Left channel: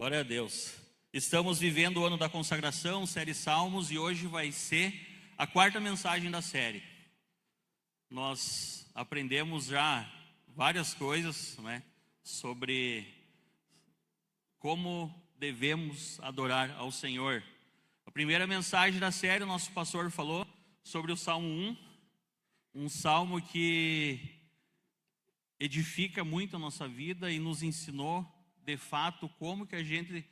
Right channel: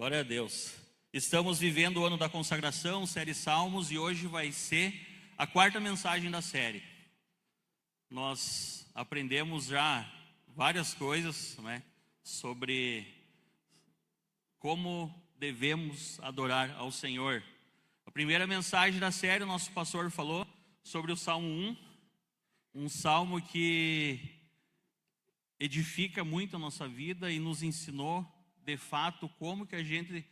Glória a Deus. Estamos vivendo o ano da consagração, série Salmos, e hoje vai ser a quarta mensagem da série. Nós aprendemos já várias coisas, sobre como devemos adorar ao Senhor. A primeira mensagem da série, o nosso pastor falou sobre o Salmo 1, um salmo que edifica muito a nossa vida e nos ensinou de fato como que a gente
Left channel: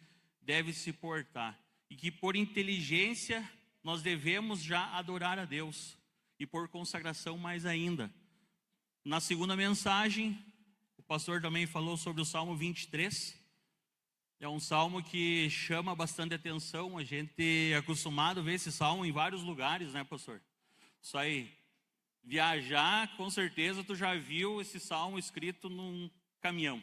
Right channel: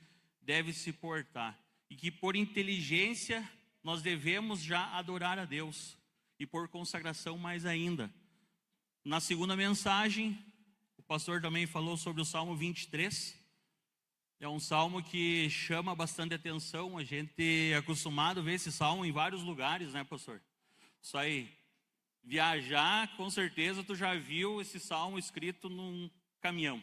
deve se portar, e que por inteligência nós devemos já adorar a Deus, e por consagração mais ainda. Na segunda mensagem, o pastor também falou sobre o Salmo 23, é um salmo que chama bastante atenção. A gente é acostumado a ver esse salmo em vários lugares, né, pastor? Isso aí, viajar, com certeza tu já viu esse salmo escrito num caminhão,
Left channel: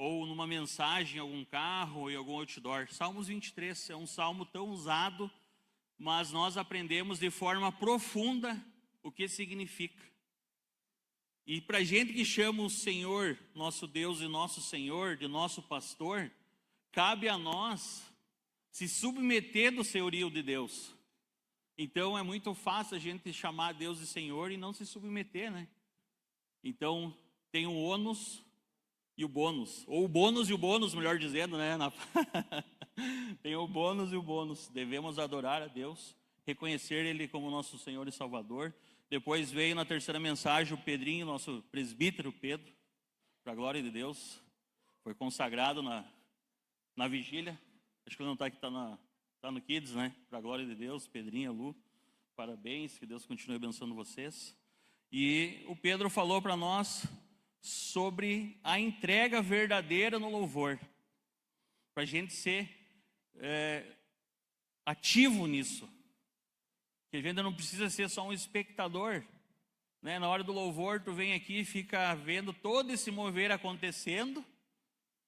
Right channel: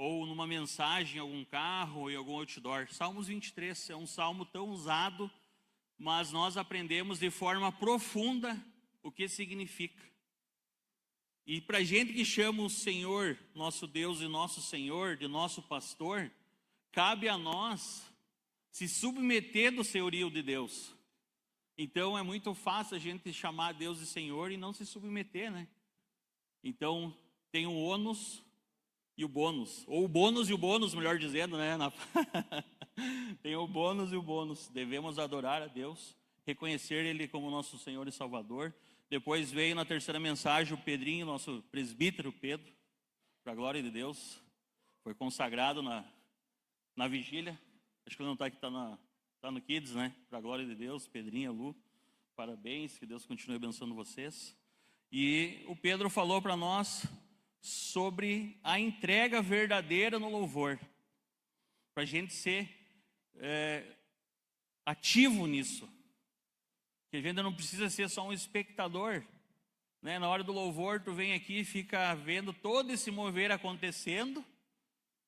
ou numa mensagem em algum carro, ou em algum outdoor. Salmos 23 é um salmo tão usado, mas nós aprendemos de forma profunda o que significa. E para a gente que chama o Senhor, nosso Deus e nosso Senhor, de nosso pastor, cabe a nós se submeter do senhorio de Deus. Então é muito fácil a gente chamar Deus de Senhor e não se submeter, né? Então tem o ônus e o bônus, ou o bônus e o bônus, melhor dizendo, né? Tem o bônus e o bônus. Devemos adorar a Deus, reconhecer Ele como nosso Senhor e Salvador. Depois veio na terceira mensagem o Pedrinho, nosso presbítero Pedro, para a glória de Deus. Foi consagrado na vigília. Acho que ele não está aqui, está no Kids, né? Para a glória de Deus, Pedrinho, Lu, parabéns, que Deus continue abençoando vocês. E o Pedro falou para nós sobre a entrega verdadeira no louvor, para a gente ser ativo nisso, que a gente não precisa ser só um espectador, né? Na hora do louvor tu vem aqui e fica vendo todo esse mover acontecendo,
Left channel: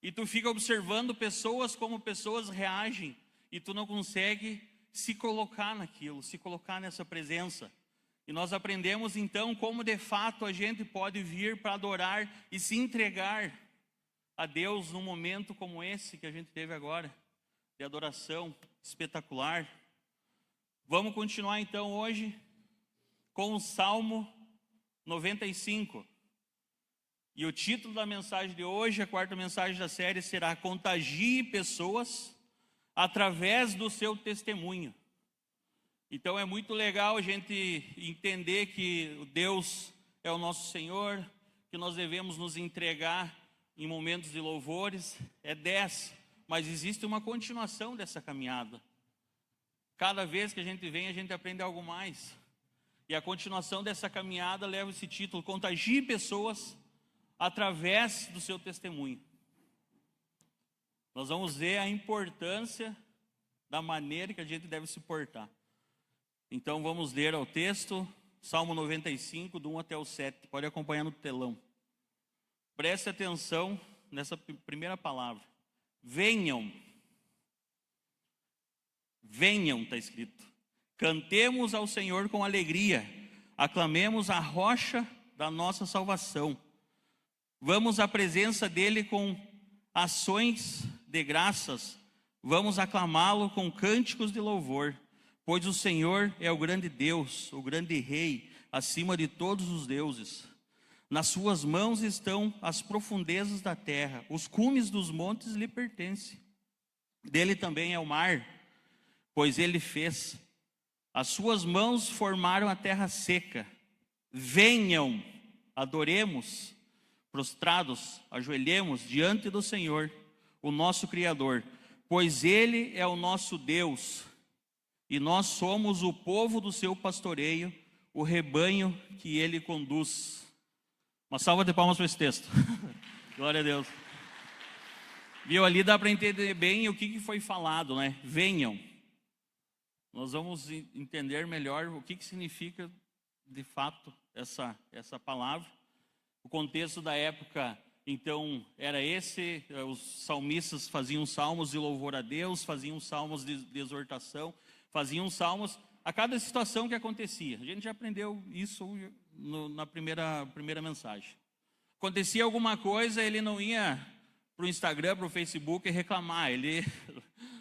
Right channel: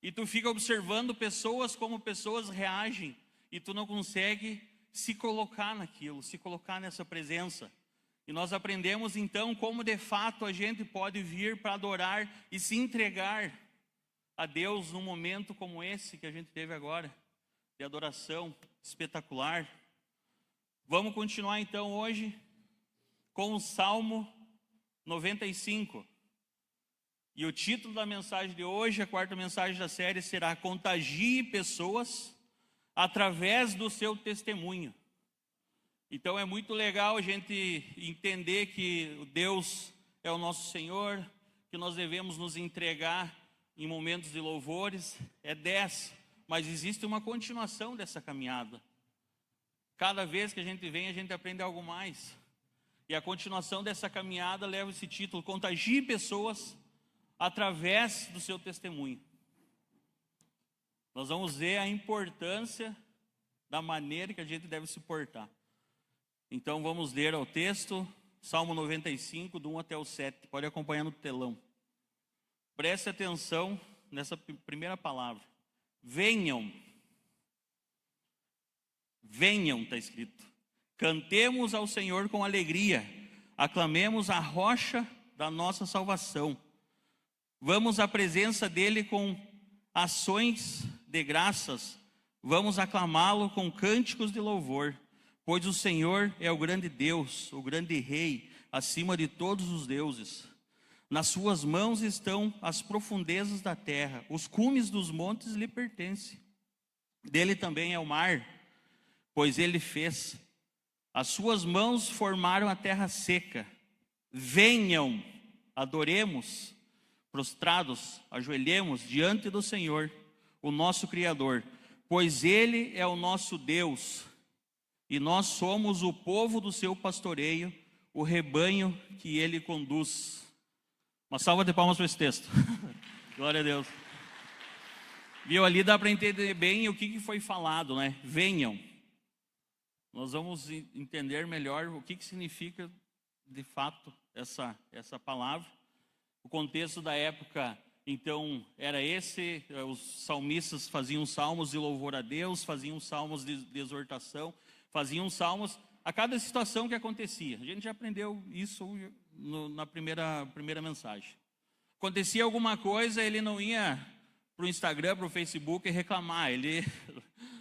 e tu fica observando pessoas, como pessoas reagem, e tu não consegue se colocar naquilo, se colocar nessa presença. E nós aprendemos então como de fato a gente pode vir para adorar e se entregar a Deus num momento como esse que a gente teve agora, de adoração espetacular. Vamos continuar então hoje com o Salmo 95. E o título da mensagem de hoje, a quarta mensagem da série, será Contagie pessoas através do seu testemunho. Então é muito legal a gente entender que Deus é o nosso Senhor, que nós devemos nos entregar em momentos de louvores. É 10, mas existe uma continuação dessa caminhada. Cada vez que a gente vem, a gente aprende algo mais. E a continuação dessa caminhada leva esse título: Contagie pessoas através do seu testemunho. Nós vamos ver a importância da maneira que a gente deve se portar. Então vamos ler ao texto, Salmo 95, do 1 até o 7. Pode acompanhar no telão. Preste atenção nessa primeira palavra. Venham. Venham, está escrito. Cantemos ao Senhor com alegria. Aclamemos a rocha da nossa salvação. Vamos à presença dele com ações de graças. Vamos aclamá-lo com cânticos de louvor. Pois o Senhor é o grande Deus, o grande Rei, acima de todos os deuses. Nas suas mãos estão as profundezas da terra, os cumes dos montes lhe pertencem. Dele também é o mar, pois ele fez. As suas mãos formaram a terra seca. Venham, adoremos, prostrados, ajoelhemos diante do Senhor, o nosso Criador, pois ele é o nosso Deus. E nós somos o povo do seu pastoreio, o rebanho que ele conduz. Uma salva de palmas para esse texto. Glória a Deus. Viu, ali dá para entender bem o que foi falado, né? Venham. Nós vamos entender melhor o que significa de fato essa palavra. O contexto da época, então, era esse: os salmistas faziam salmos de louvor a Deus, faziam salmos de exortação, faziam salmos a cada situação que acontecia. A gente já aprendeu isso na primeira mensagem. Acontecia alguma coisa, ele não ia para o Instagram, para o Facebook e reclamar.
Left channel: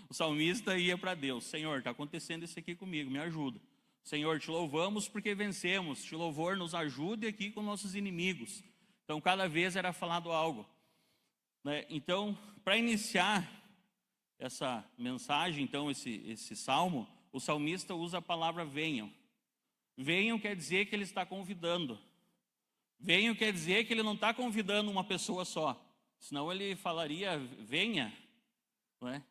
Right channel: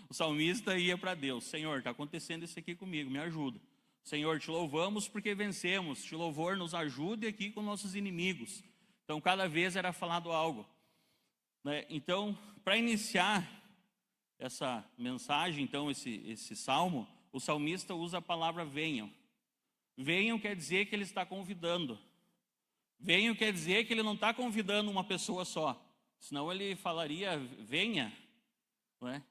O salmista ia para Deus: Senhor, está acontecendo isso aqui comigo, me ajuda. Senhor, te louvamos porque vencemos, te louvor nos ajude aqui com nossos inimigos. Então, cada vez era falado algo, né? Então, para iniciar essa mensagem, então, esse salmo, o salmista usa a palavra venham. Venham quer dizer que ele está convidando. Venham quer dizer que ele não está convidando uma pessoa só, senão ele falaria venha, não é?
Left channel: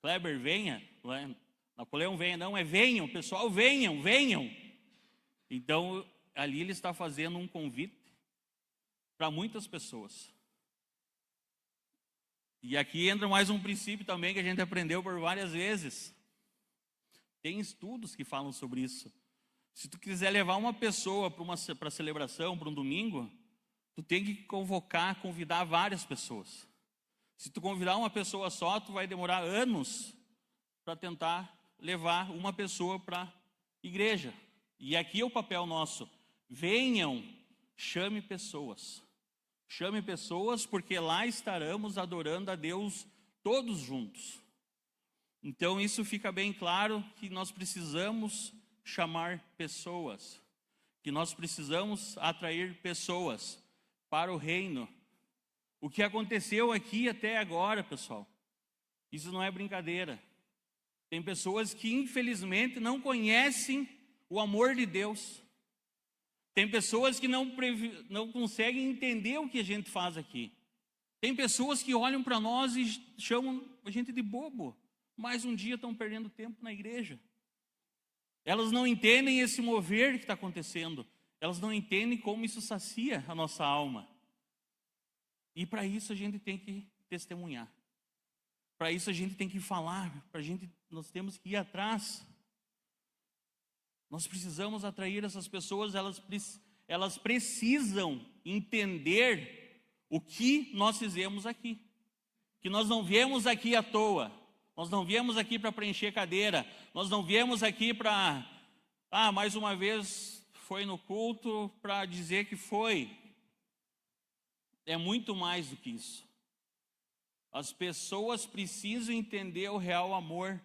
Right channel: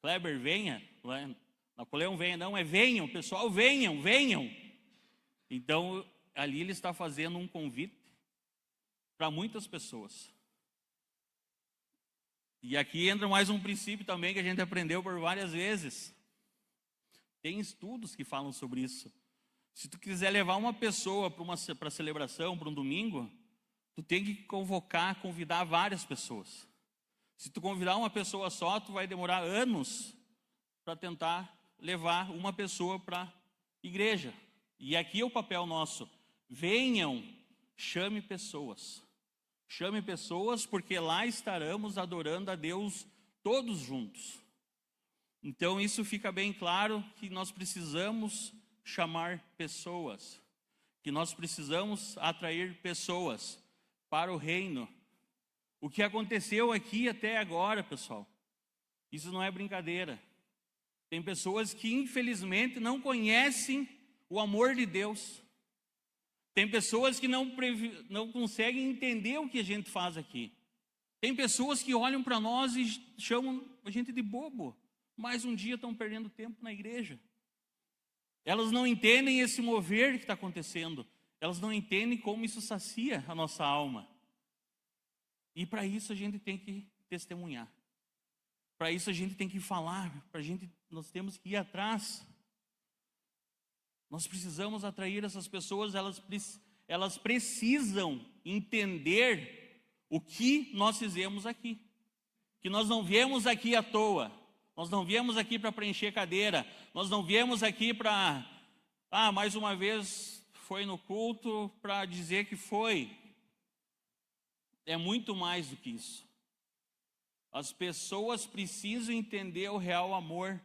Kleber, venha, não é? Napoleão, venha, não, é venham, pessoal, venham, venham. Então, ali ele está fazendo um convite para muitas pessoas. E aqui entra mais um princípio também que a gente aprendeu por várias vezes. Tem estudos que falam sobre isso. Se tu quiser levar uma pessoa para a celebração, para um domingo, tu tem que convidar várias pessoas. Se tu convidar uma pessoa só, tu vai demorar anos para tentar levar uma pessoa para a igreja. E aqui é o papel nosso: venham, chame pessoas. Chame pessoas, porque lá estaremos adorando a Deus todos juntos. Então isso fica bem claro, que nós precisamos chamar pessoas, que nós precisamos atrair pessoas para o reino. O que aconteceu aqui até agora, pessoal, isso não é brincadeira. Tem pessoas que infelizmente não conhecem o amor de Deus. Tem pessoas que não conseguem entender o que a gente faz aqui. Tem pessoas que olham para nós e chamam a gente de bobo. Mais um dia estão perdendo tempo na igreja. Elas não entendem esse mover que está acontecendo. Elas não entendem como isso sacia a nossa alma. E para isso a gente tem que testemunhar. Para isso a gente tem que falar. Nós temos que ir atrás. Nós precisamos atrair essas pessoas. Elas precisam entender o que nós fizemos aqui. Que nós não viemos aqui à toa. Nós não viemos aqui para preencher cadeira. Nós não viemos aqui para, mais uma vez foi no culto para dizer que foi. É muito mais do que isso. As pessoas precisam entender o real amor.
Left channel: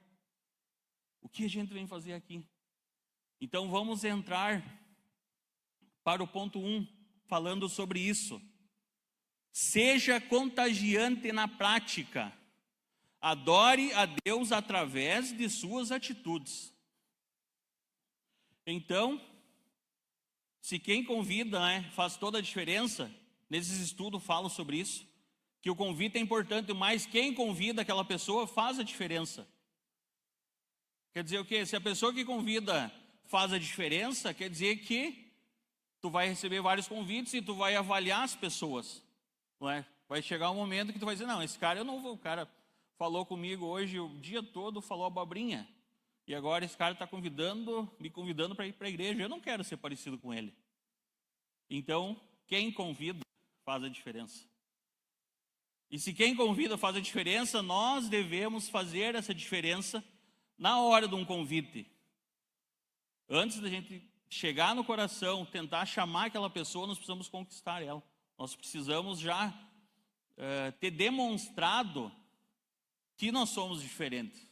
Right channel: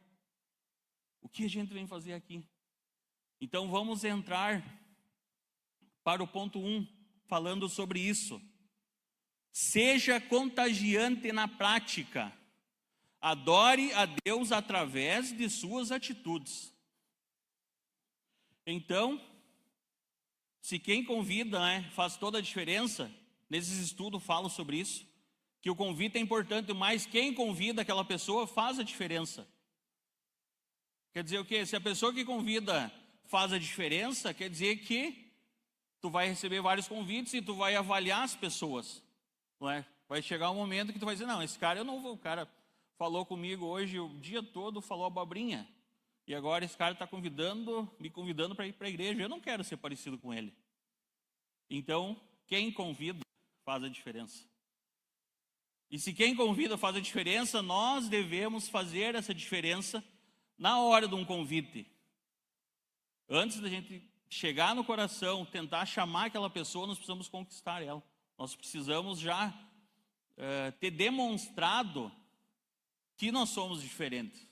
O que a gente vem fazer aqui? Então vamos entrar para o ponto 1, falando sobre isso. Seja contagiante na prática. Adore a Deus através de suas atitudes. Então, se quem convida, faz toda a diferença, nesses estudos falam sobre isso, que o convite é importante, mas quem convida aquela pessoa faz a diferença. Quer dizer o quê? Se a pessoa que convida faz a diferença, quer dizer que tu vai receber vários convites e tu vai avaliar as pessoas, não é? Vai chegar um momento que tu vai dizer, não, esse cara eu não vou, o cara falou comigo hoje o dia todo, falou abobrinha, e agora esse cara está me convidando para ir para a igreja, eu não quero ser parecido com ele. Então, quem convida faz a diferença. E se quem convida faz a diferença, nós devemos fazer essa diferença na hora de um convite. Antes da gente chegar no coração, tentar chamar aquela pessoa, nós precisamos conquistar ela. Nós precisamos já ter demonstrado que nós somos diferentes.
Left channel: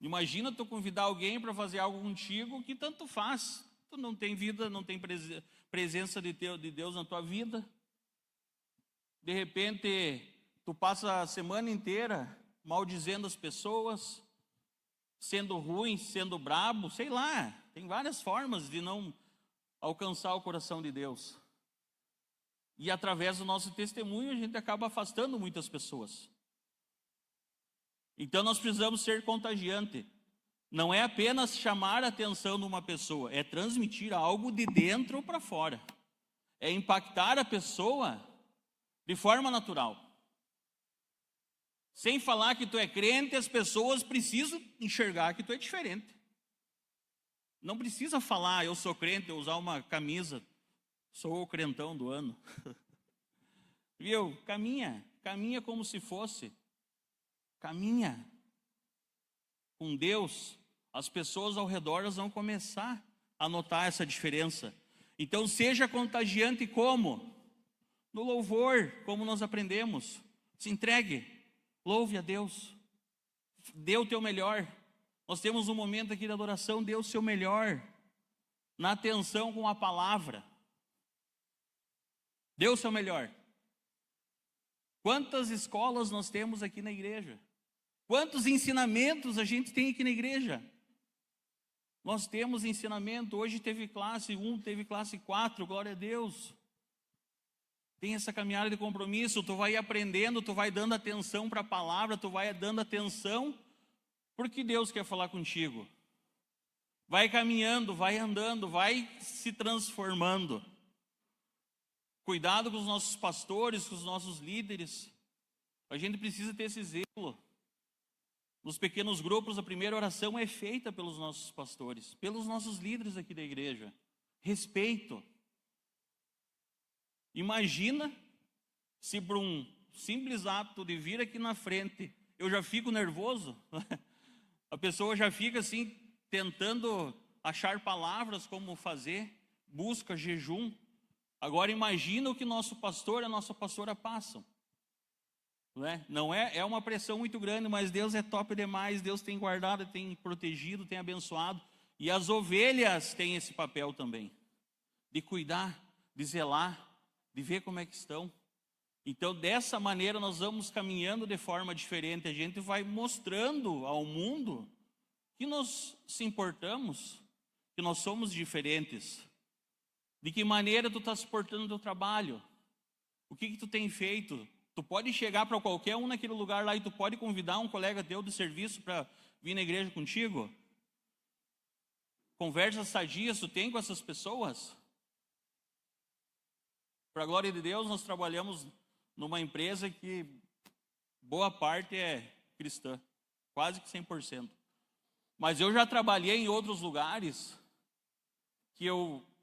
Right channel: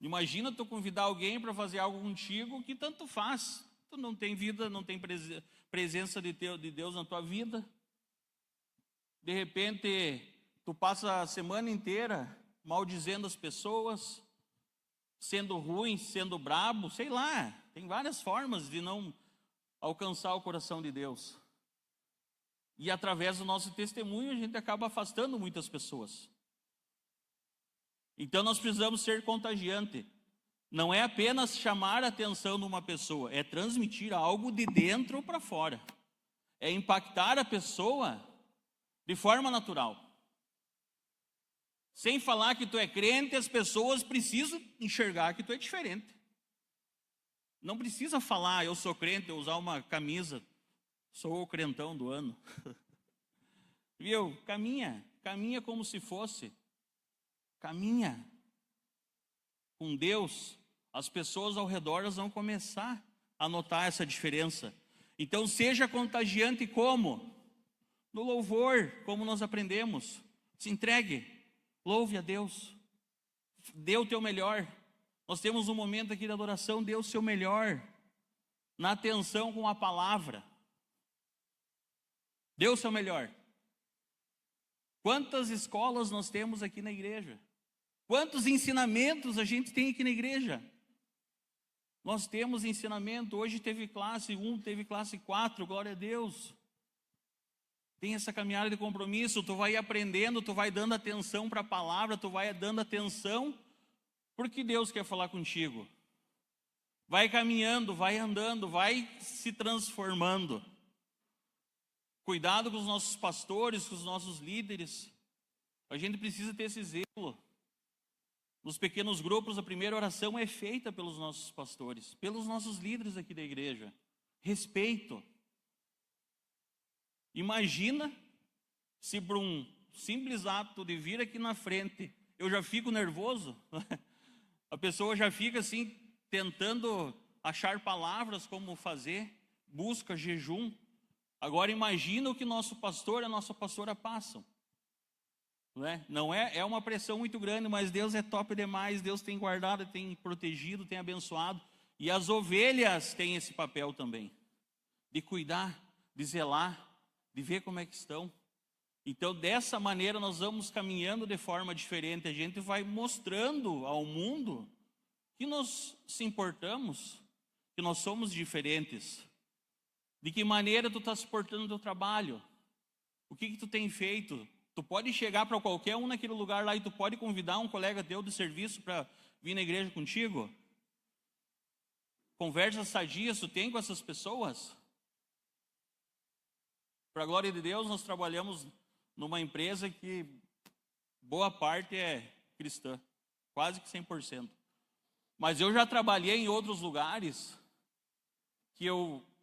Imagina tu convidar alguém para fazer algo contigo que tanto faz. Tu não tem vida, não tem presença de Deus na tua vida. De repente, tu passa a semana inteira maldizendo as pessoas, sendo ruim, sendo brabo, sei lá. Tem várias formas de não alcançar o coração de Deus. E através do nosso testemunho, a gente acaba afastando muitas pessoas. Então nós precisamos ser contagiante. Não é apenas chamar a atenção de uma pessoa, é transmitir algo de dentro para fora. É impactar a pessoa de forma natural. Sem falar que tu é crente, as pessoas precisam enxergar que tu é diferente. Não precisa falar, eu sou crente, eu usar uma camisa, sou o crentão do ano. Viu? Caminha como se fosse. Caminha com Deus, as pessoas ao redor vão começar a notar essa diferença. Então seja contagiante como? No louvor, como nós aprendemos, se entregue, louve a Deus, dê o teu melhor. Nós temos um momento aqui de adoração, dê o seu melhor, na atenção com a palavra. Dê o seu melhor. Quantas escolas nós temos aqui na igreja? Quantos ensinamentos a gente tem aqui na igreja? Nós temos ensinamento, hoje teve classe 1, teve classe 4, glória a Deus. Tem essa caminhada de compromisso, tu vai aprendendo, tu vai dando atenção para a palavra, tu vai dando atenção porque Deus quer falar contigo. Vai caminhando, vai andando, vai se transformando. Cuidado com os nossos pastores, com os nossos líderes. A gente precisa ter esse zelo. Nos pequenos grupos, a primeira oração é feita pelos nossos pastores, pelos nossos líderes aqui da igreja. Respeito. Imagina se por um simples ato de vir aqui na frente, eu já fico nervoso, a pessoa já fica assim, tentando achar palavras como fazer, busca, jejum. Agora imagina o que nosso pastor, a nossa pastora passam. Não é uma pressão muito grande, mas Deus é top demais, Deus tem guardado, tem protegido, tem abençoado. E as ovelhas têm esse papel também, de cuidar, de zelar, de ver como é que estão. Então, dessa maneira, nós vamos caminhando de forma diferente. A gente vai mostrando ao mundo que nós se importamos, que nós somos diferentes. De que maneira tu está se portando no teu trabalho? O que tu tem feito? Tu pode chegar para qualquer um naquele lugar lá e tu pode convidar um colega teu do serviço para vir na igreja contigo? Conversas sadias tu tem com essas pessoas? Para a glória de Deus, nós trabalhamos numa empresa que boa parte é cristã, quase que 100%. Mas eu já trabalhei em outros lugares que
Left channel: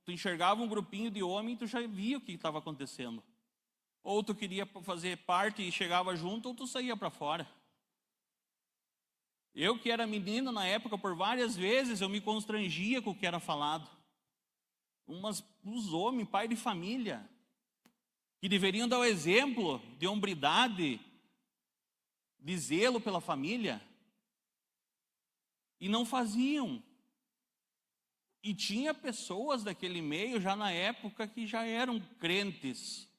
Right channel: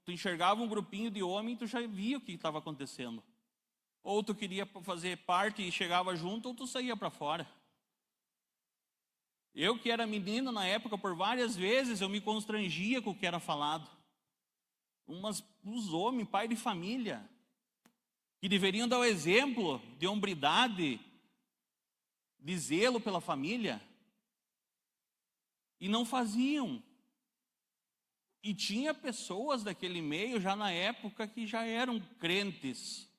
tu enxergava um grupinho de homem e tu já via o que estava acontecendo. Ou tu queria fazer parte e chegava junto, ou tu saía para fora. Eu que era menino na época, por várias vezes eu me constrangia com o que era falado. Uns homens, pai de família, que deveriam dar o exemplo de hombridade, de zelo pela família, e não faziam. E tinha pessoas daquele meio já na época que já eram crentes.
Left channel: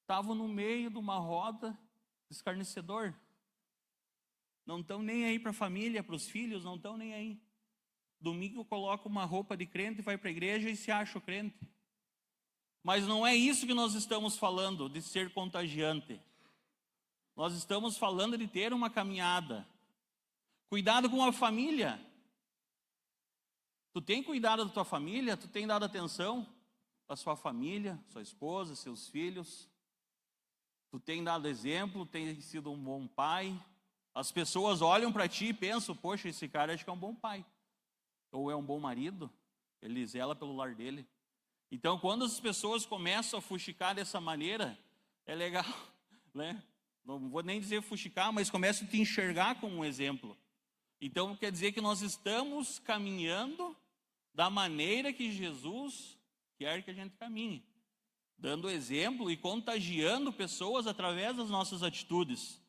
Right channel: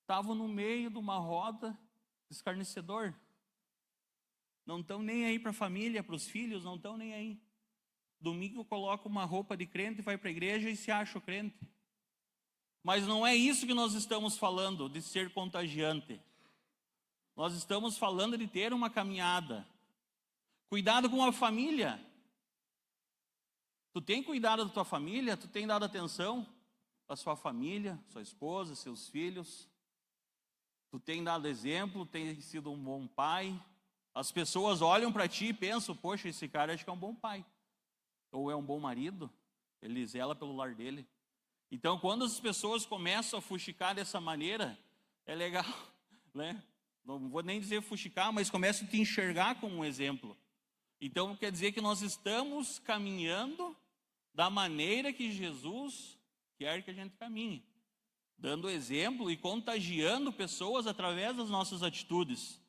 Estavam no meio de uma roda de escarnecedor. Não estão nem aí para a família, para os filhos, não estão nem aí. Domingo coloca uma roupa de crente, vai para a igreja e se acha crente. Mas não é isso que nós estamos falando, de ser contagiante. Nós estamos falando de ter uma caminhada. Cuidado com a família. Tu tem cuidado da tua família? Tu tem dado atenção à sua família, sua esposa, seus filhos? Tu tem dado exemplo, tem sido um bom pai? As pessoas olham para ti e pensam, poxa, esse cara acho que é um bom pai. Ou é um bom marido, ele zela pelo lar dele. Então, quando as pessoas começam a fuxicar dessa maneira, é legal, né? Não vou nem dizer fuxicar, mas começam a te enxergar como um exemplo. Então, quer dizer que nós estamos caminhando da maneira que Jesus quer que a gente caminhe, dando exemplo e contagiando pessoas através das nossas atitudes.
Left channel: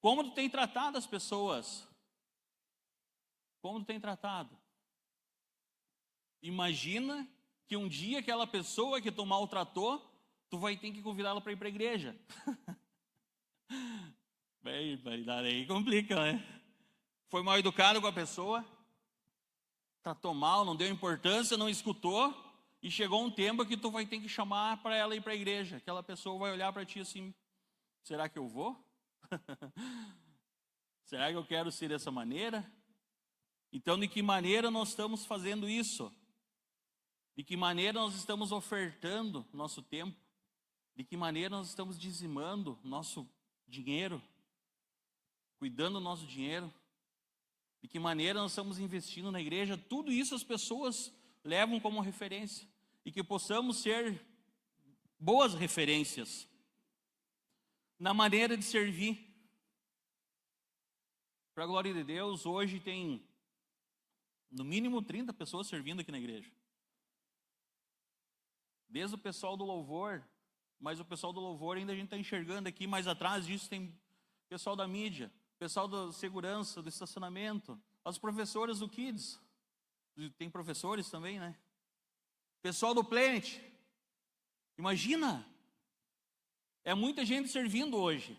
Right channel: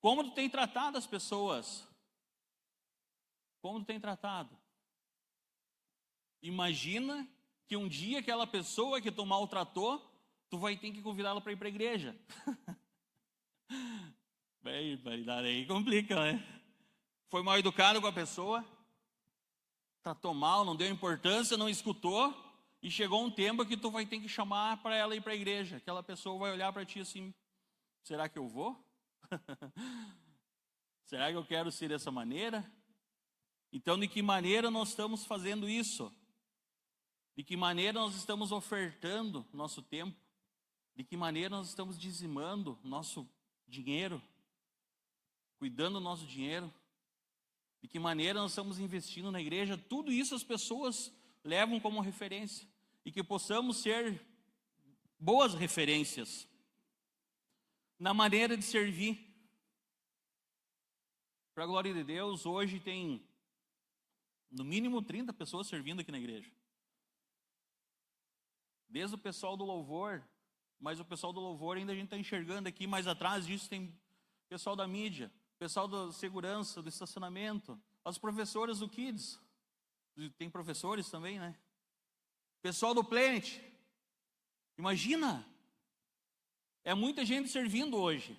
Como tu tem tratado as pessoas? Como tu tem tratado? Imagina que um dia aquela pessoa que tu maltratou, tu vai ter que convidá-la para ir para a igreja. Bem, aí complica, né? Foi mal educado com a pessoa, tratou mal, não deu importância, não escutou, e chegou um tempo que tu vai ter que chamar para ela ir para a igreja. Aquela pessoa vai olhar para ti assim, será que eu vou? Será que eu quero ser dessa maneira? Então, de que maneira nós estamos fazendo isso? De que maneira nós estamos ofertando nosso tempo? De que maneira nós estamos dizimando nosso dinheiro? Cuidando do nosso dinheiro? De que maneira nós estamos investindo na igreja? Tudo isso as pessoas levam como referência. E que possamos ser boas referências na maneira de servir. Para a glória de Deus, hoje tem no mínimo 30 pessoas servindo aqui na igreja. Desde o pessoal do louvor, Mas o pessoal do louvor ainda a gente está enxergando aqui, mais atrás disso tem pessoal da mídia, pessoal da segurança, do estacionamento, as professoras do Kids, tem professores também, né? Pessoal do Planet, imagina, é muita gente servindo hoje.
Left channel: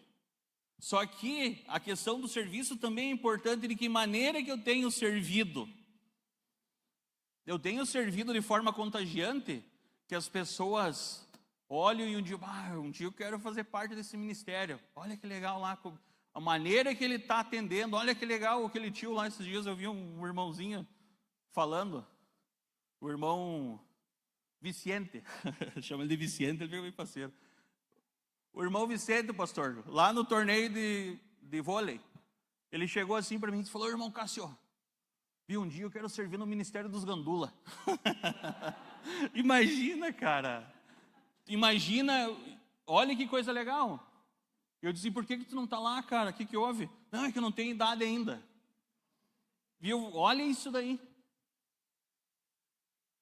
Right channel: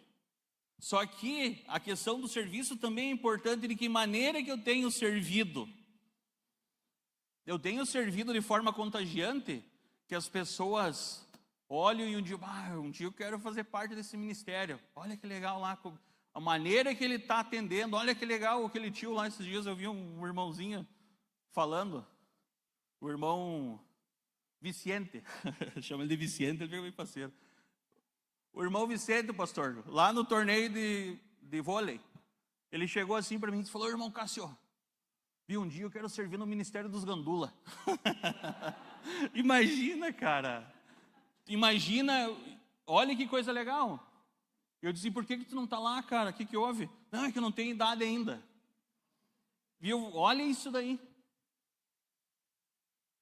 Só que a questão do serviço também é importante, de que maneira que eu tenho servido. Eu tenho servido de forma contagiante, que as pessoas olham e um dia eu quero fazer parte desse ministério. Olha que legal lá, a maneira que ele está atendendo. Olha que legal aquele tio lá, esses dias eu vi um irmãozinho falando, o irmão Vicente, chama ele de Vicente, ele é meu parceiro. O irmão Vicente, pastor, lá no torneio de vôlei, ele chegou assim para mim e falou: irmão Cássio, vi um dia eu quero servir no Ministério dos Gandula. Imagina, cara. Imagina, olha que coisa legal. Eu disse: por que tu não está lá, cara? O que houve? Não, é que eu não tenho idade ainda. Viu? Olha isso daí.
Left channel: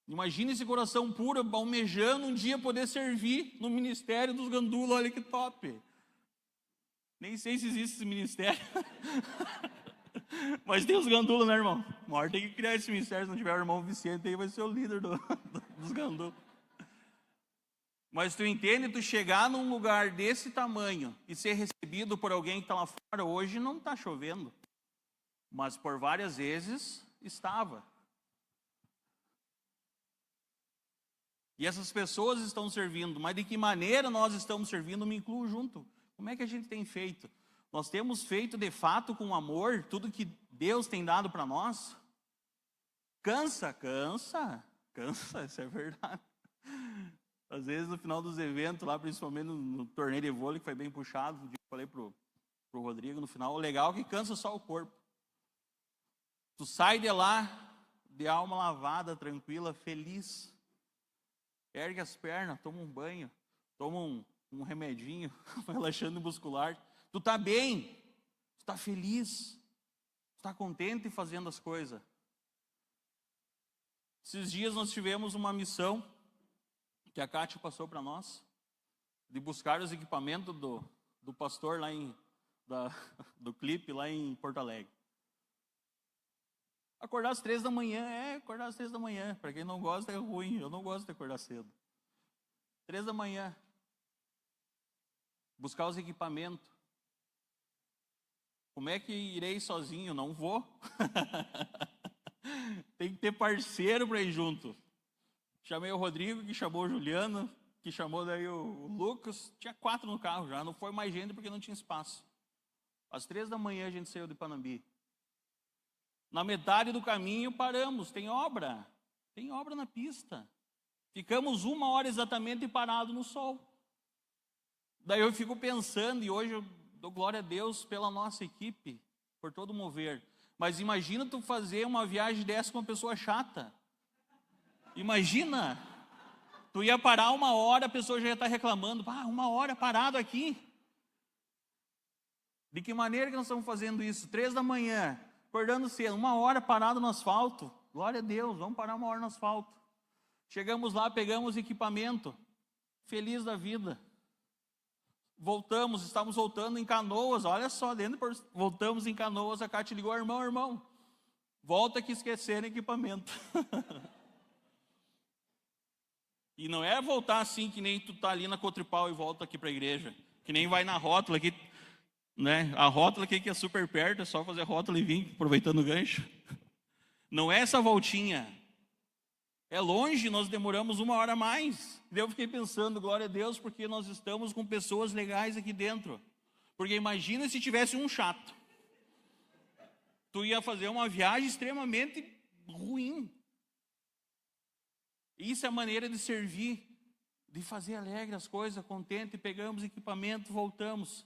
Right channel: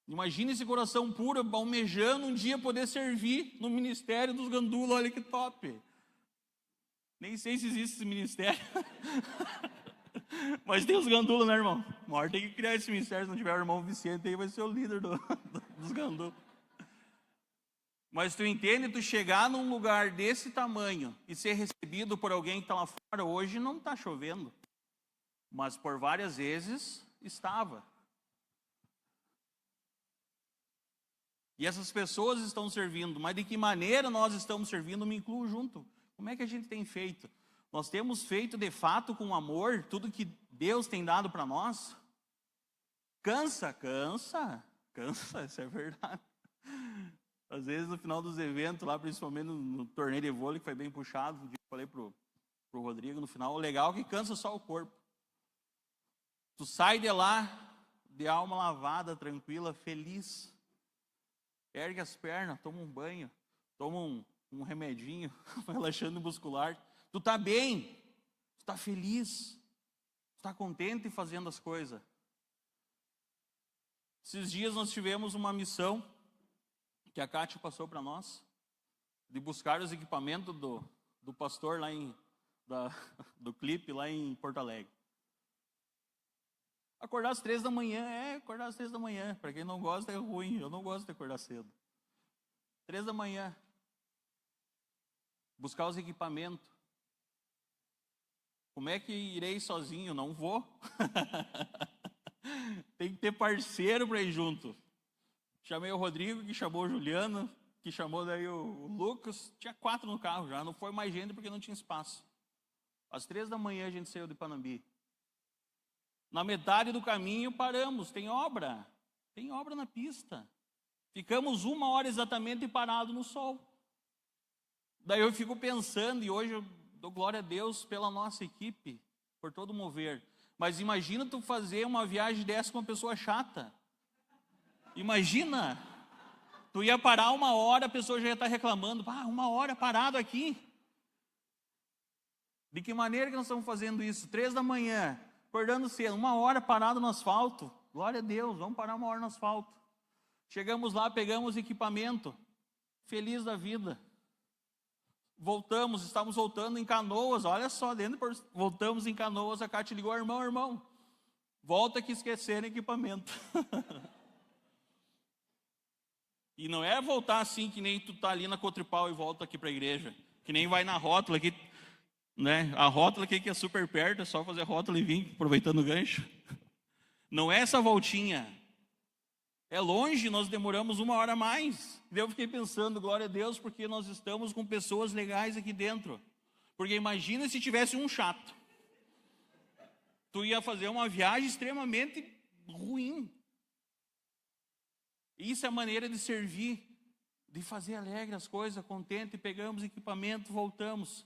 Imagina esse coração puro, almejando um dia poder servir no Ministério dos Gandula. Olha que top. Nem sei se existe esse ministério. Mas tem os Gandula, né, irmão? Uma hora tem que criar esse ministério. Se não tiver o irmão Vicente aí, vai ser o líder dos Gandula. Mas tu entende, tu chegar num lugar desse tamanho e ser recebido por alguém que está lá fora. Hoje não está chovendo, mas por várias vezes estava. E essas pessoas estão servindo, mas de que maneira nós estamos servindo? Me incluo junto. Como é que a gente tem feito? Nós temos feito de fato com amor tudo que Deus tem dado para nós? Cansa, isso é verdade. Às vezes no final dos eventos, lá principalmente no torneio de vôlei, que foi bem puxado, eu falei pro Rodrigo no final, o legal é que cansa só o corpo. Tu sai de lá, de alma lavada, tranquila, feliz. Ergue as pernas, toma um banho, toma um remedinho, relaxando muscular. Tu tá bem, tu tá feliz, tu tá contente fazendo as coisas. Esses dias nós tivemos uma missão que a Cátia passou para nós, de buscar os equipamentos do pastor lá do clipe lá em Porto Alegre. Acordar às 3 da manhã, acordar às 3 da manhã. Para quem não gosta é ruim, eu não gosto de acordar cedo. 3 da manhã. Buscar os equipamentos. Como é que irei sozinho? Não vou. Tem que ter parceiro para ir junto. Chamei o Rodrigo, que chamou o Juliano, que chamou daí o Lucas. Tinha 4 no carro já, não foi mais gente porque não tinha espaço. Às 3 da manhã a gente saiu de Panambi. Na metade do caminho paramos, tem obra na pista. Ficamos 1 hora exatamente parado no sol. Daí eu fico pensando, e hoje eu dou glória a Deus pela nossa equipe, por todo o mover. Mas imagina tu fazer uma viagem dessa com uma pessoa chata. Imagina, tu ia parar 1 hora, a pessoa já ia estar reclamando, 1 hora parado aqui. De que maneira que nós estamos fazendo isso? 3 da manhã, acordando cedo, 1 hora parado no asfalto. Glória a Deus, vamos parar 1 hora no asfalto. Chegamos lá, pegamos equipamento, feliz da vida. Estávamos voltando em Canoas, olha só, voltamos em Canoas, a Cátia ligou: irmão, volta que esqueceram equipamento. E não é voltar assim que nem tu tá ali na Cotripal e volta aqui para a igreja, que nem vai na rótula aqui, né? A rótula aqui que é super perto, é só fazer rótula e vir, aproveitando o gancho. Não é essa voltinha. É longe, nós demoramos 1 hora a mais. Eu fiquei pensando, glória a Deus, porque nós estamos com pessoas legais aqui dentro. Porque imagina se tivesse um chato. Tu ia fazer uma viagem extremamente ruim. Isso é a maneira de servir, de fazer alegre as coisas, contente. Pegamos equipamento, voltamos.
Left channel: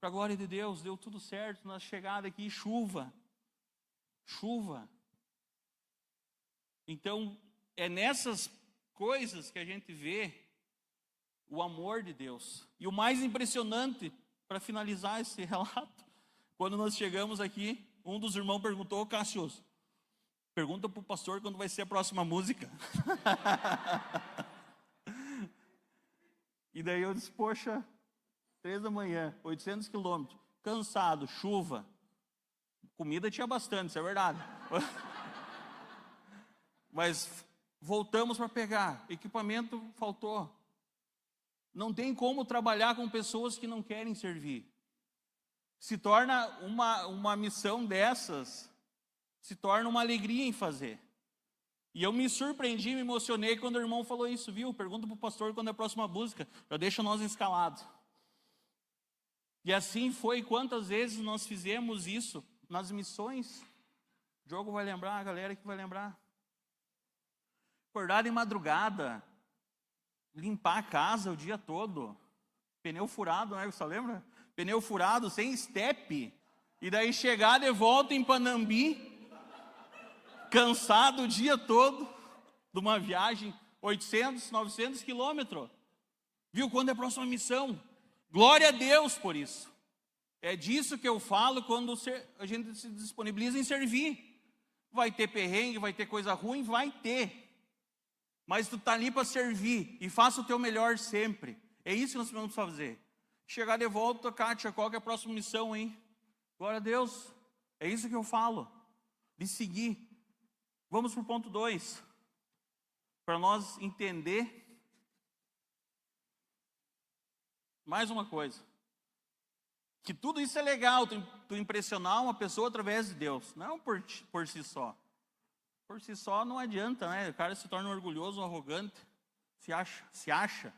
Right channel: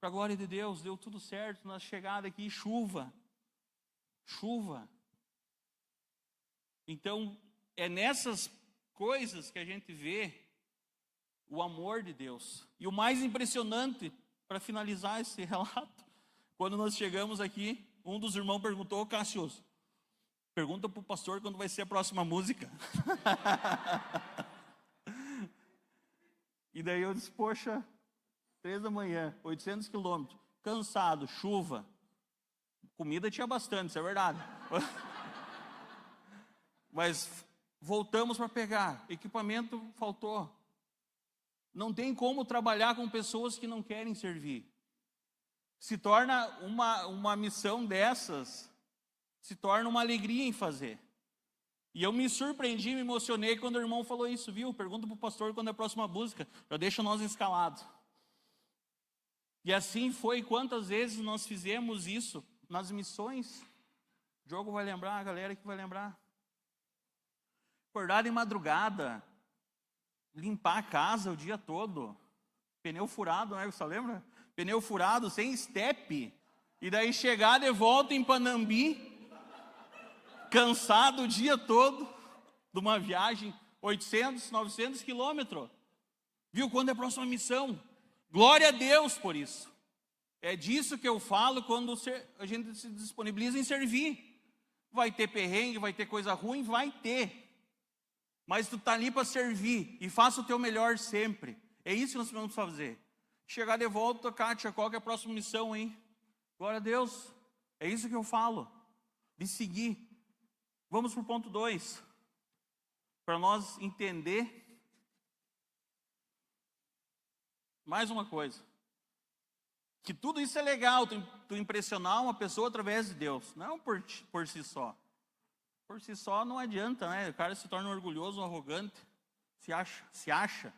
Para a glória de Deus, deu tudo certo. Na chegada aqui, chuva. Então, é nessas coisas que a gente vê o amor de Deus. E o mais impressionante, para finalizar esse relato, quando nós chegamos aqui, um dos irmãos perguntou: Cássio, pergunta para o pastor quando vai ser a próxima música. E daí eu disse, poxa, 3 da manhã, 800 quilômetros, cansado, chuva. Comida tinha bastante, isso é verdade. Mas voltamos para pegar, equipamento faltou. Não tem como trabalhar com pessoas que não querem servir. Se torna uma missão dessas, se torna uma alegria em fazer. E eu me surpreendi, me emocionei quando o irmão falou isso, viu? Pergunta para o pastor quando é a próxima música, já deixa nós escalados. E assim foi, quantas vezes nós fizemos isso nas missões? O Diogo vai lembrar, a galera que vai lembrar. Acordar de madrugada, limpar a casa o dia todo, pneu furado, né? Você lembra? Pneu furado, sem estepe, e daí chegar de volta em Panambi, cansado o dia todo, de uma viagem, 800, 900 quilômetros. Viu? Quando é a próxima missão? Glória a Deus por isso. É disso que eu falo quando a gente se disponibiliza em servir. Vai ter perrengue, vai ter coisa ruim, vai ter. Mas tu está ali para servir e faça o teu melhor sempre. É isso que nós vamos fazer. Chegar de volta, Kátia, qual que é a próxima missão, hein? Glória a Deus. É isso que eu falo. De seguir. Vamos para o ponto 2. Para nós entender mais uma coisa. Que tudo isso é legal, tu impressionar uma pessoa através de Deus. Não por si só. Por si só não adianta, né? O cara se torna orgulhoso, arrogante, se acha.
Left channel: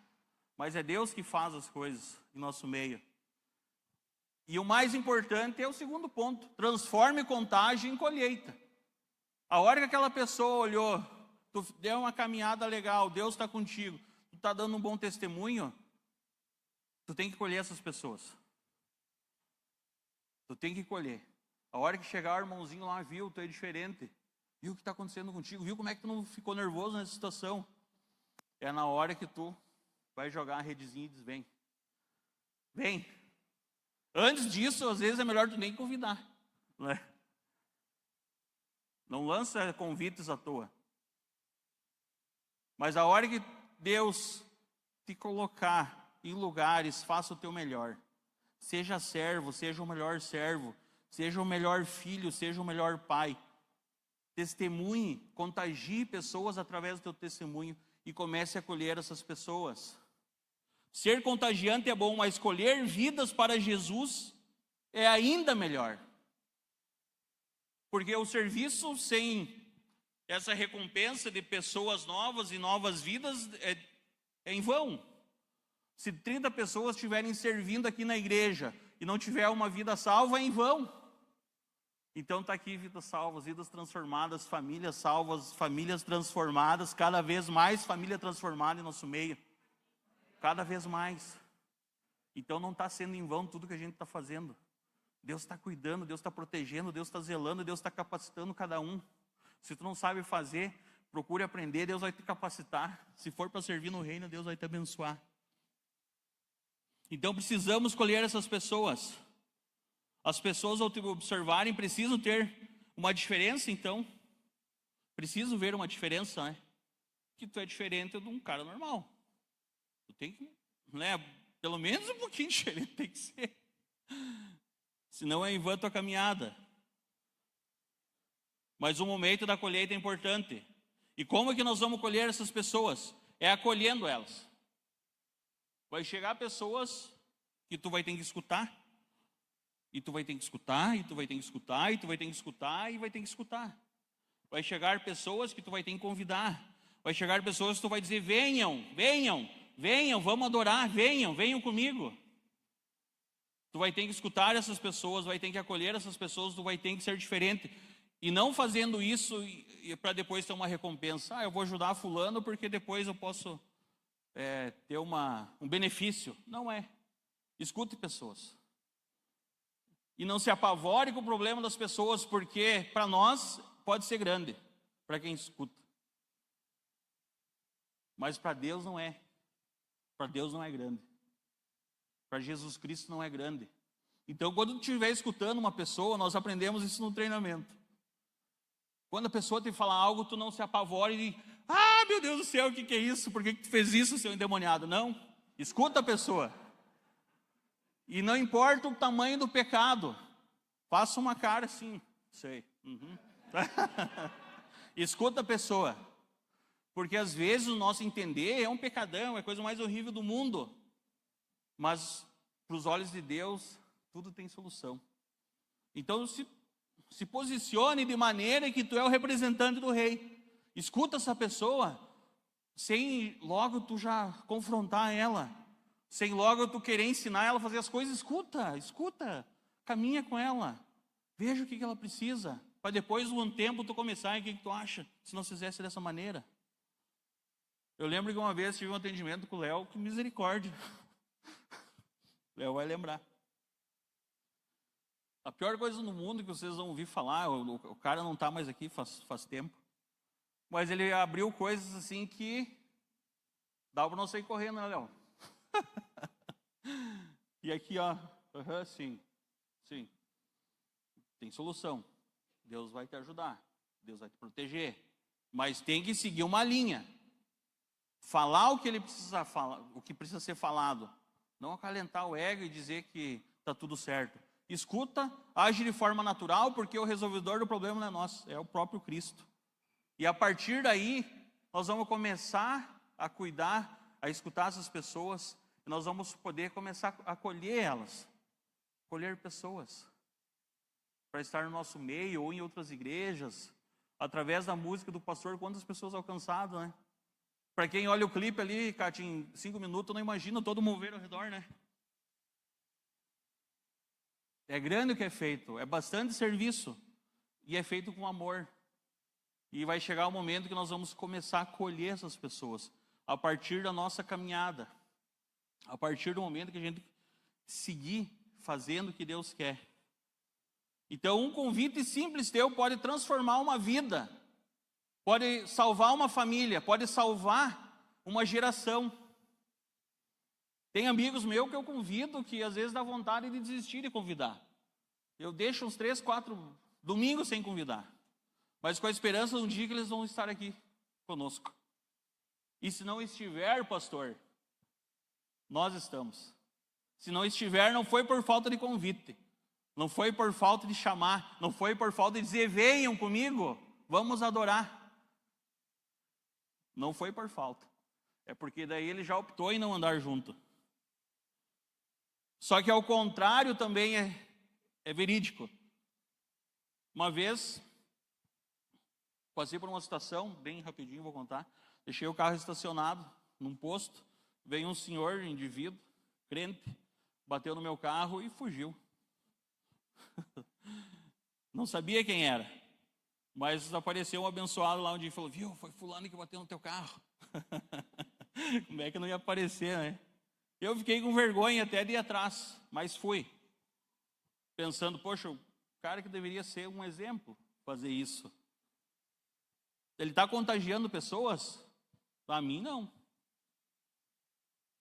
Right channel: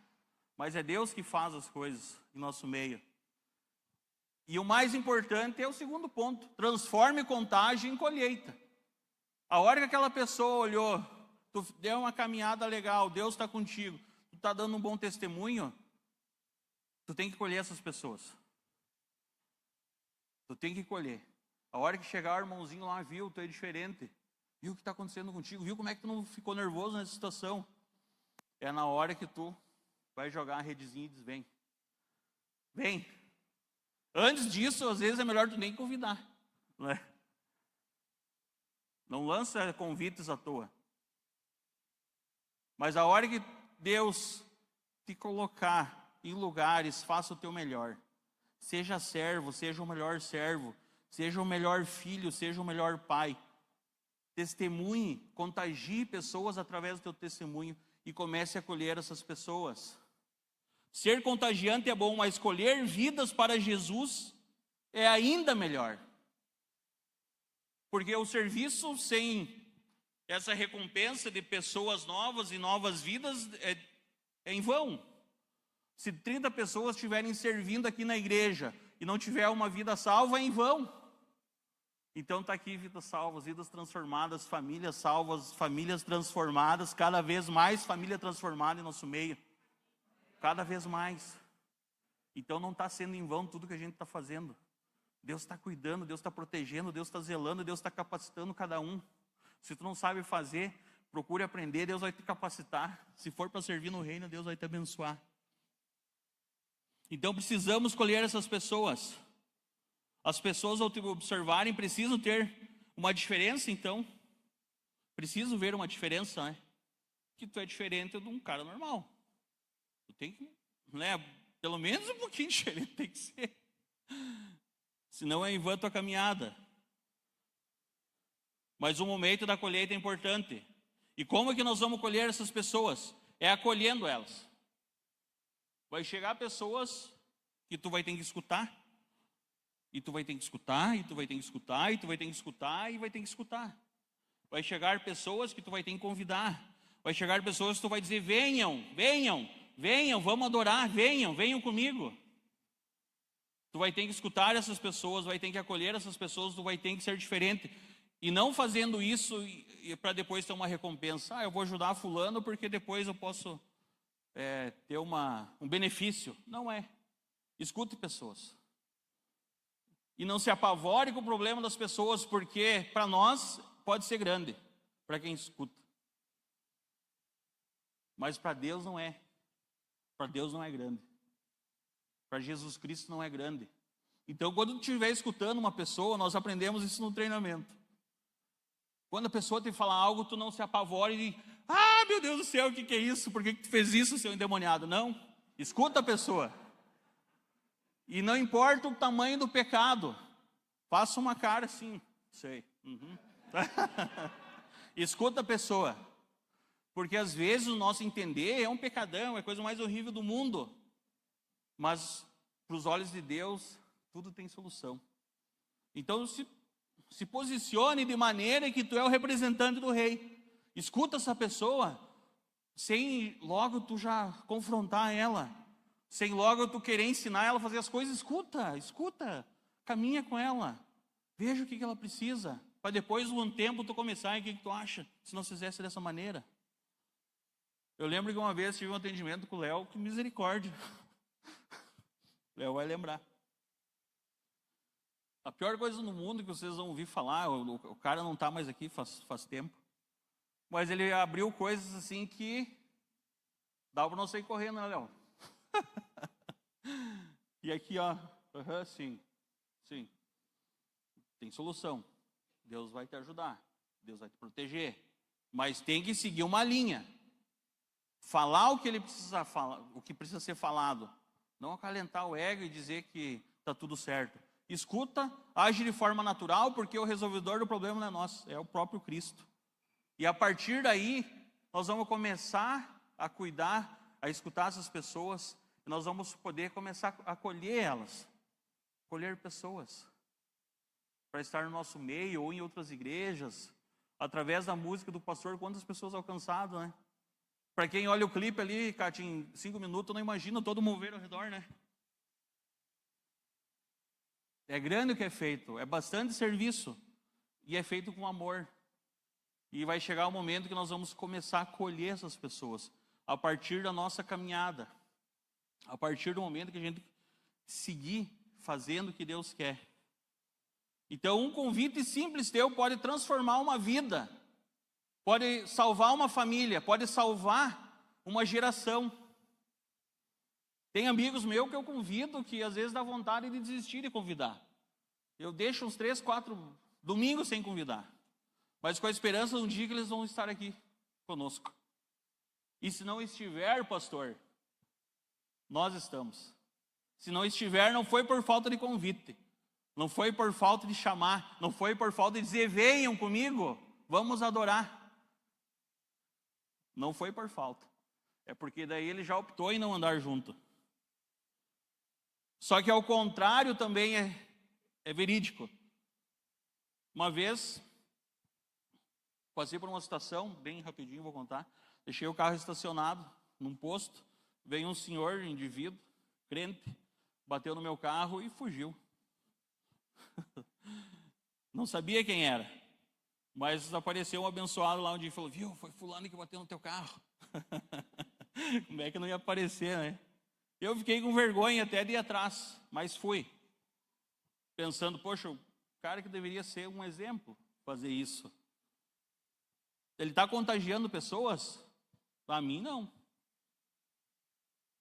Mas é Deus que faz as coisas em nosso meio. E o mais importante é o segundo ponto. Transforme contagem em colheita. A hora que aquela pessoa olhou, tu deu uma caminhada legal, Deus está contigo, tu está dando um bom testemunho, tu tem que colher essas pessoas. Tu tem que colher. A hora que chegar o irmãozinho lá, viu, tu é diferente. Viu o que está acontecendo contigo? Viu como é que tu não ficou nervoso nessa situação? É na hora que tu vai jogar a redezinha e diz, vem. Vem. Antes disso, às vezes é melhor tu nem convidar. Né? Não lança convites à toa. Mas a hora que Deus te colocar em lugares, faça o teu melhor. Seja servo, seja o melhor servo. Seja o melhor filho, seja o melhor pai. Testemunhe, contagie pessoas através do teu testemunho e comece a acolher essas pessoas. Ser contagiante é bom, mas escolher vidas para Jesus é ainda melhor. Porque o serviço sem essa recompensa de pessoas novas e novas vidas é em vão. Se 30 pessoas estiverem servindo aqui na igreja e não tiver uma vida salva, é em vão. Então está aqui vidas salvas, vidas transformadas, famílias salvas, famílias transformadas, cada vez mais família transformada em nosso meio. Cada vez mais. Então não está sendo em vão tudo que a gente está fazendo. Deus está cuidando, Deus está protegendo, Deus está zelando, Deus está capacitando cada um. Se tu não sabe fazer, procure aprender, Deus vai te capacitar. Se for para servir no reino, Deus vai te abençoar. Então precisamos escolher essas pessoas. As pessoas, ao te observarem, precisam ter uma diferença, então. Preciso ver uma diferença, né? Que tu é diferente de um cara normal. Tu tem que, né? Pelo menos um pouquinho diferente tem que ser. Senão é em vão a tua caminhada. Mas o momento da colheita é importante. E como é que nós vamos colher essas pessoas? É acolhendo elas. Vai chegar pessoas que tu vai ter que escutar. E tu vai ter que escutar, e tu vai ter que escutar, e tu vai ter que escutar, e vai ter que escutar. Vai chegar pessoas que tu vai ter que convidar. Vai chegar pessoas que tu vai dizer, venham, venham, venham, vamos adorar, venham, venham comigo. Tu vai ter que escutar essas pessoas, vai ter que acolher essas pessoas, tu vai ter que ser diferente. E não fazendo isso para depois ter uma recompensa. Eu vou ajudar fulano porque depois eu posso ter um benefício. Não é. Escute pessoas. E não se apavore com o problema das pessoas, porque para nós pode ser grande, para quem escuta. Mas para Deus não é. Para Deus não é grande. Para Jesus Cristo não é grande. Então, quando tu estiver escutando uma pessoa, nós aprendemos isso no treinamento. Quando a pessoa te fala algo, tu não se apavore e diz, meu Deus do céu, o que é isso? Por que tu fez isso, seu endemoniado? Não. Escuta a pessoa. E não importa o tamanho do pecado, faça uma cara assim, sei. Uhum. Escuta a pessoa. Porque às vezes o nosso entender é um pecadão, é a coisa mais horrível do mundo. Mas para os olhos de Deus, tudo tem solução. Então se posicione de maneira que tu é o representante do rei. Escuta essa pessoa, sem logo tu já confrontar ela, sem logo tu querer ensinar ela a fazer as coisas. Escuta, caminha com ela, veja o que ela precisa, para depois, um tempo, tu começar, e o que tu acha, se não fizesse dessa maneira. Eu lembro que uma vez tive um atendimento com o Léo, que misericórdia. O Léo vai lembrar. A pior coisa no mundo que vocês vão ouvir falar, o cara não está mais aqui faz tempo, mas ele abriu coisas assim que dá para não sair correndo, né, Léo? E aqui, ó, sim, tem solução. Deus vai te ajudar, Deus vai te proteger, mas tem que seguir uma linha. Falar o que ele precisa falar, o que precisa ser falado, não acalentar o ego e dizer que está tudo certo. Escuta, age de forma natural, porque o resolvedor do problema não é nós, é o próprio Cristo. E a partir daí, nós vamos começar a cuidar, a escutar essas pessoas, e nós vamos poder começar a acolher elas, acolher pessoas, para estar no nosso meio ou em outras igrejas, através da música do pastor, quantas pessoas alcançadas, né? Para quem olha o clipe ali, Cátia, em 5 minutos, não imagina todo o mover ao redor, né? É grande o que é feito, é bastante serviço, e é feito com amor. E vai chegar o momento que nós vamos começar a acolher essas pessoas, a partir da nossa caminhada, a partir do momento que a gente seguir fazendo o que Deus quer. Então, um convite simples teu pode transformar uma vida, pode salvar uma família, pode salvar uma geração. Tem amigos meus que eu convido que às vezes dá vontade de desistir de convidar. Eu deixo uns 3, 4 domingos sem convidar, mas com a esperança de um dia que eles vão estar aqui conosco. E se não estiver, pastor, nós estamos. Se não estiver, não foi por falta de convite, não foi por falta de chamar, não foi por falta de dizer, venham comigo, vamos adorar. Não foi por falta, é porque daí ele já optou em não andar junto. Só que ao contrário também é verídico. Uma vez, passei por uma situação, bem rapidinho vou contar, deixei o carro estacionado num posto, veio um senhor, indivíduo, crente, bateu no meu carro e fugiu. Não sabia quem era, mas apareceu um abençoado lá onde falou, viu, foi fulano que bateu no teu carro. Como é que não ia aparecer, né? Eu fiquei com vergonha até de ir atrás, mas fui. Pensando, poxa, o cara que deveria ser um exemplo, fazer isso. Ele está contagiando pessoas? Para mim, não.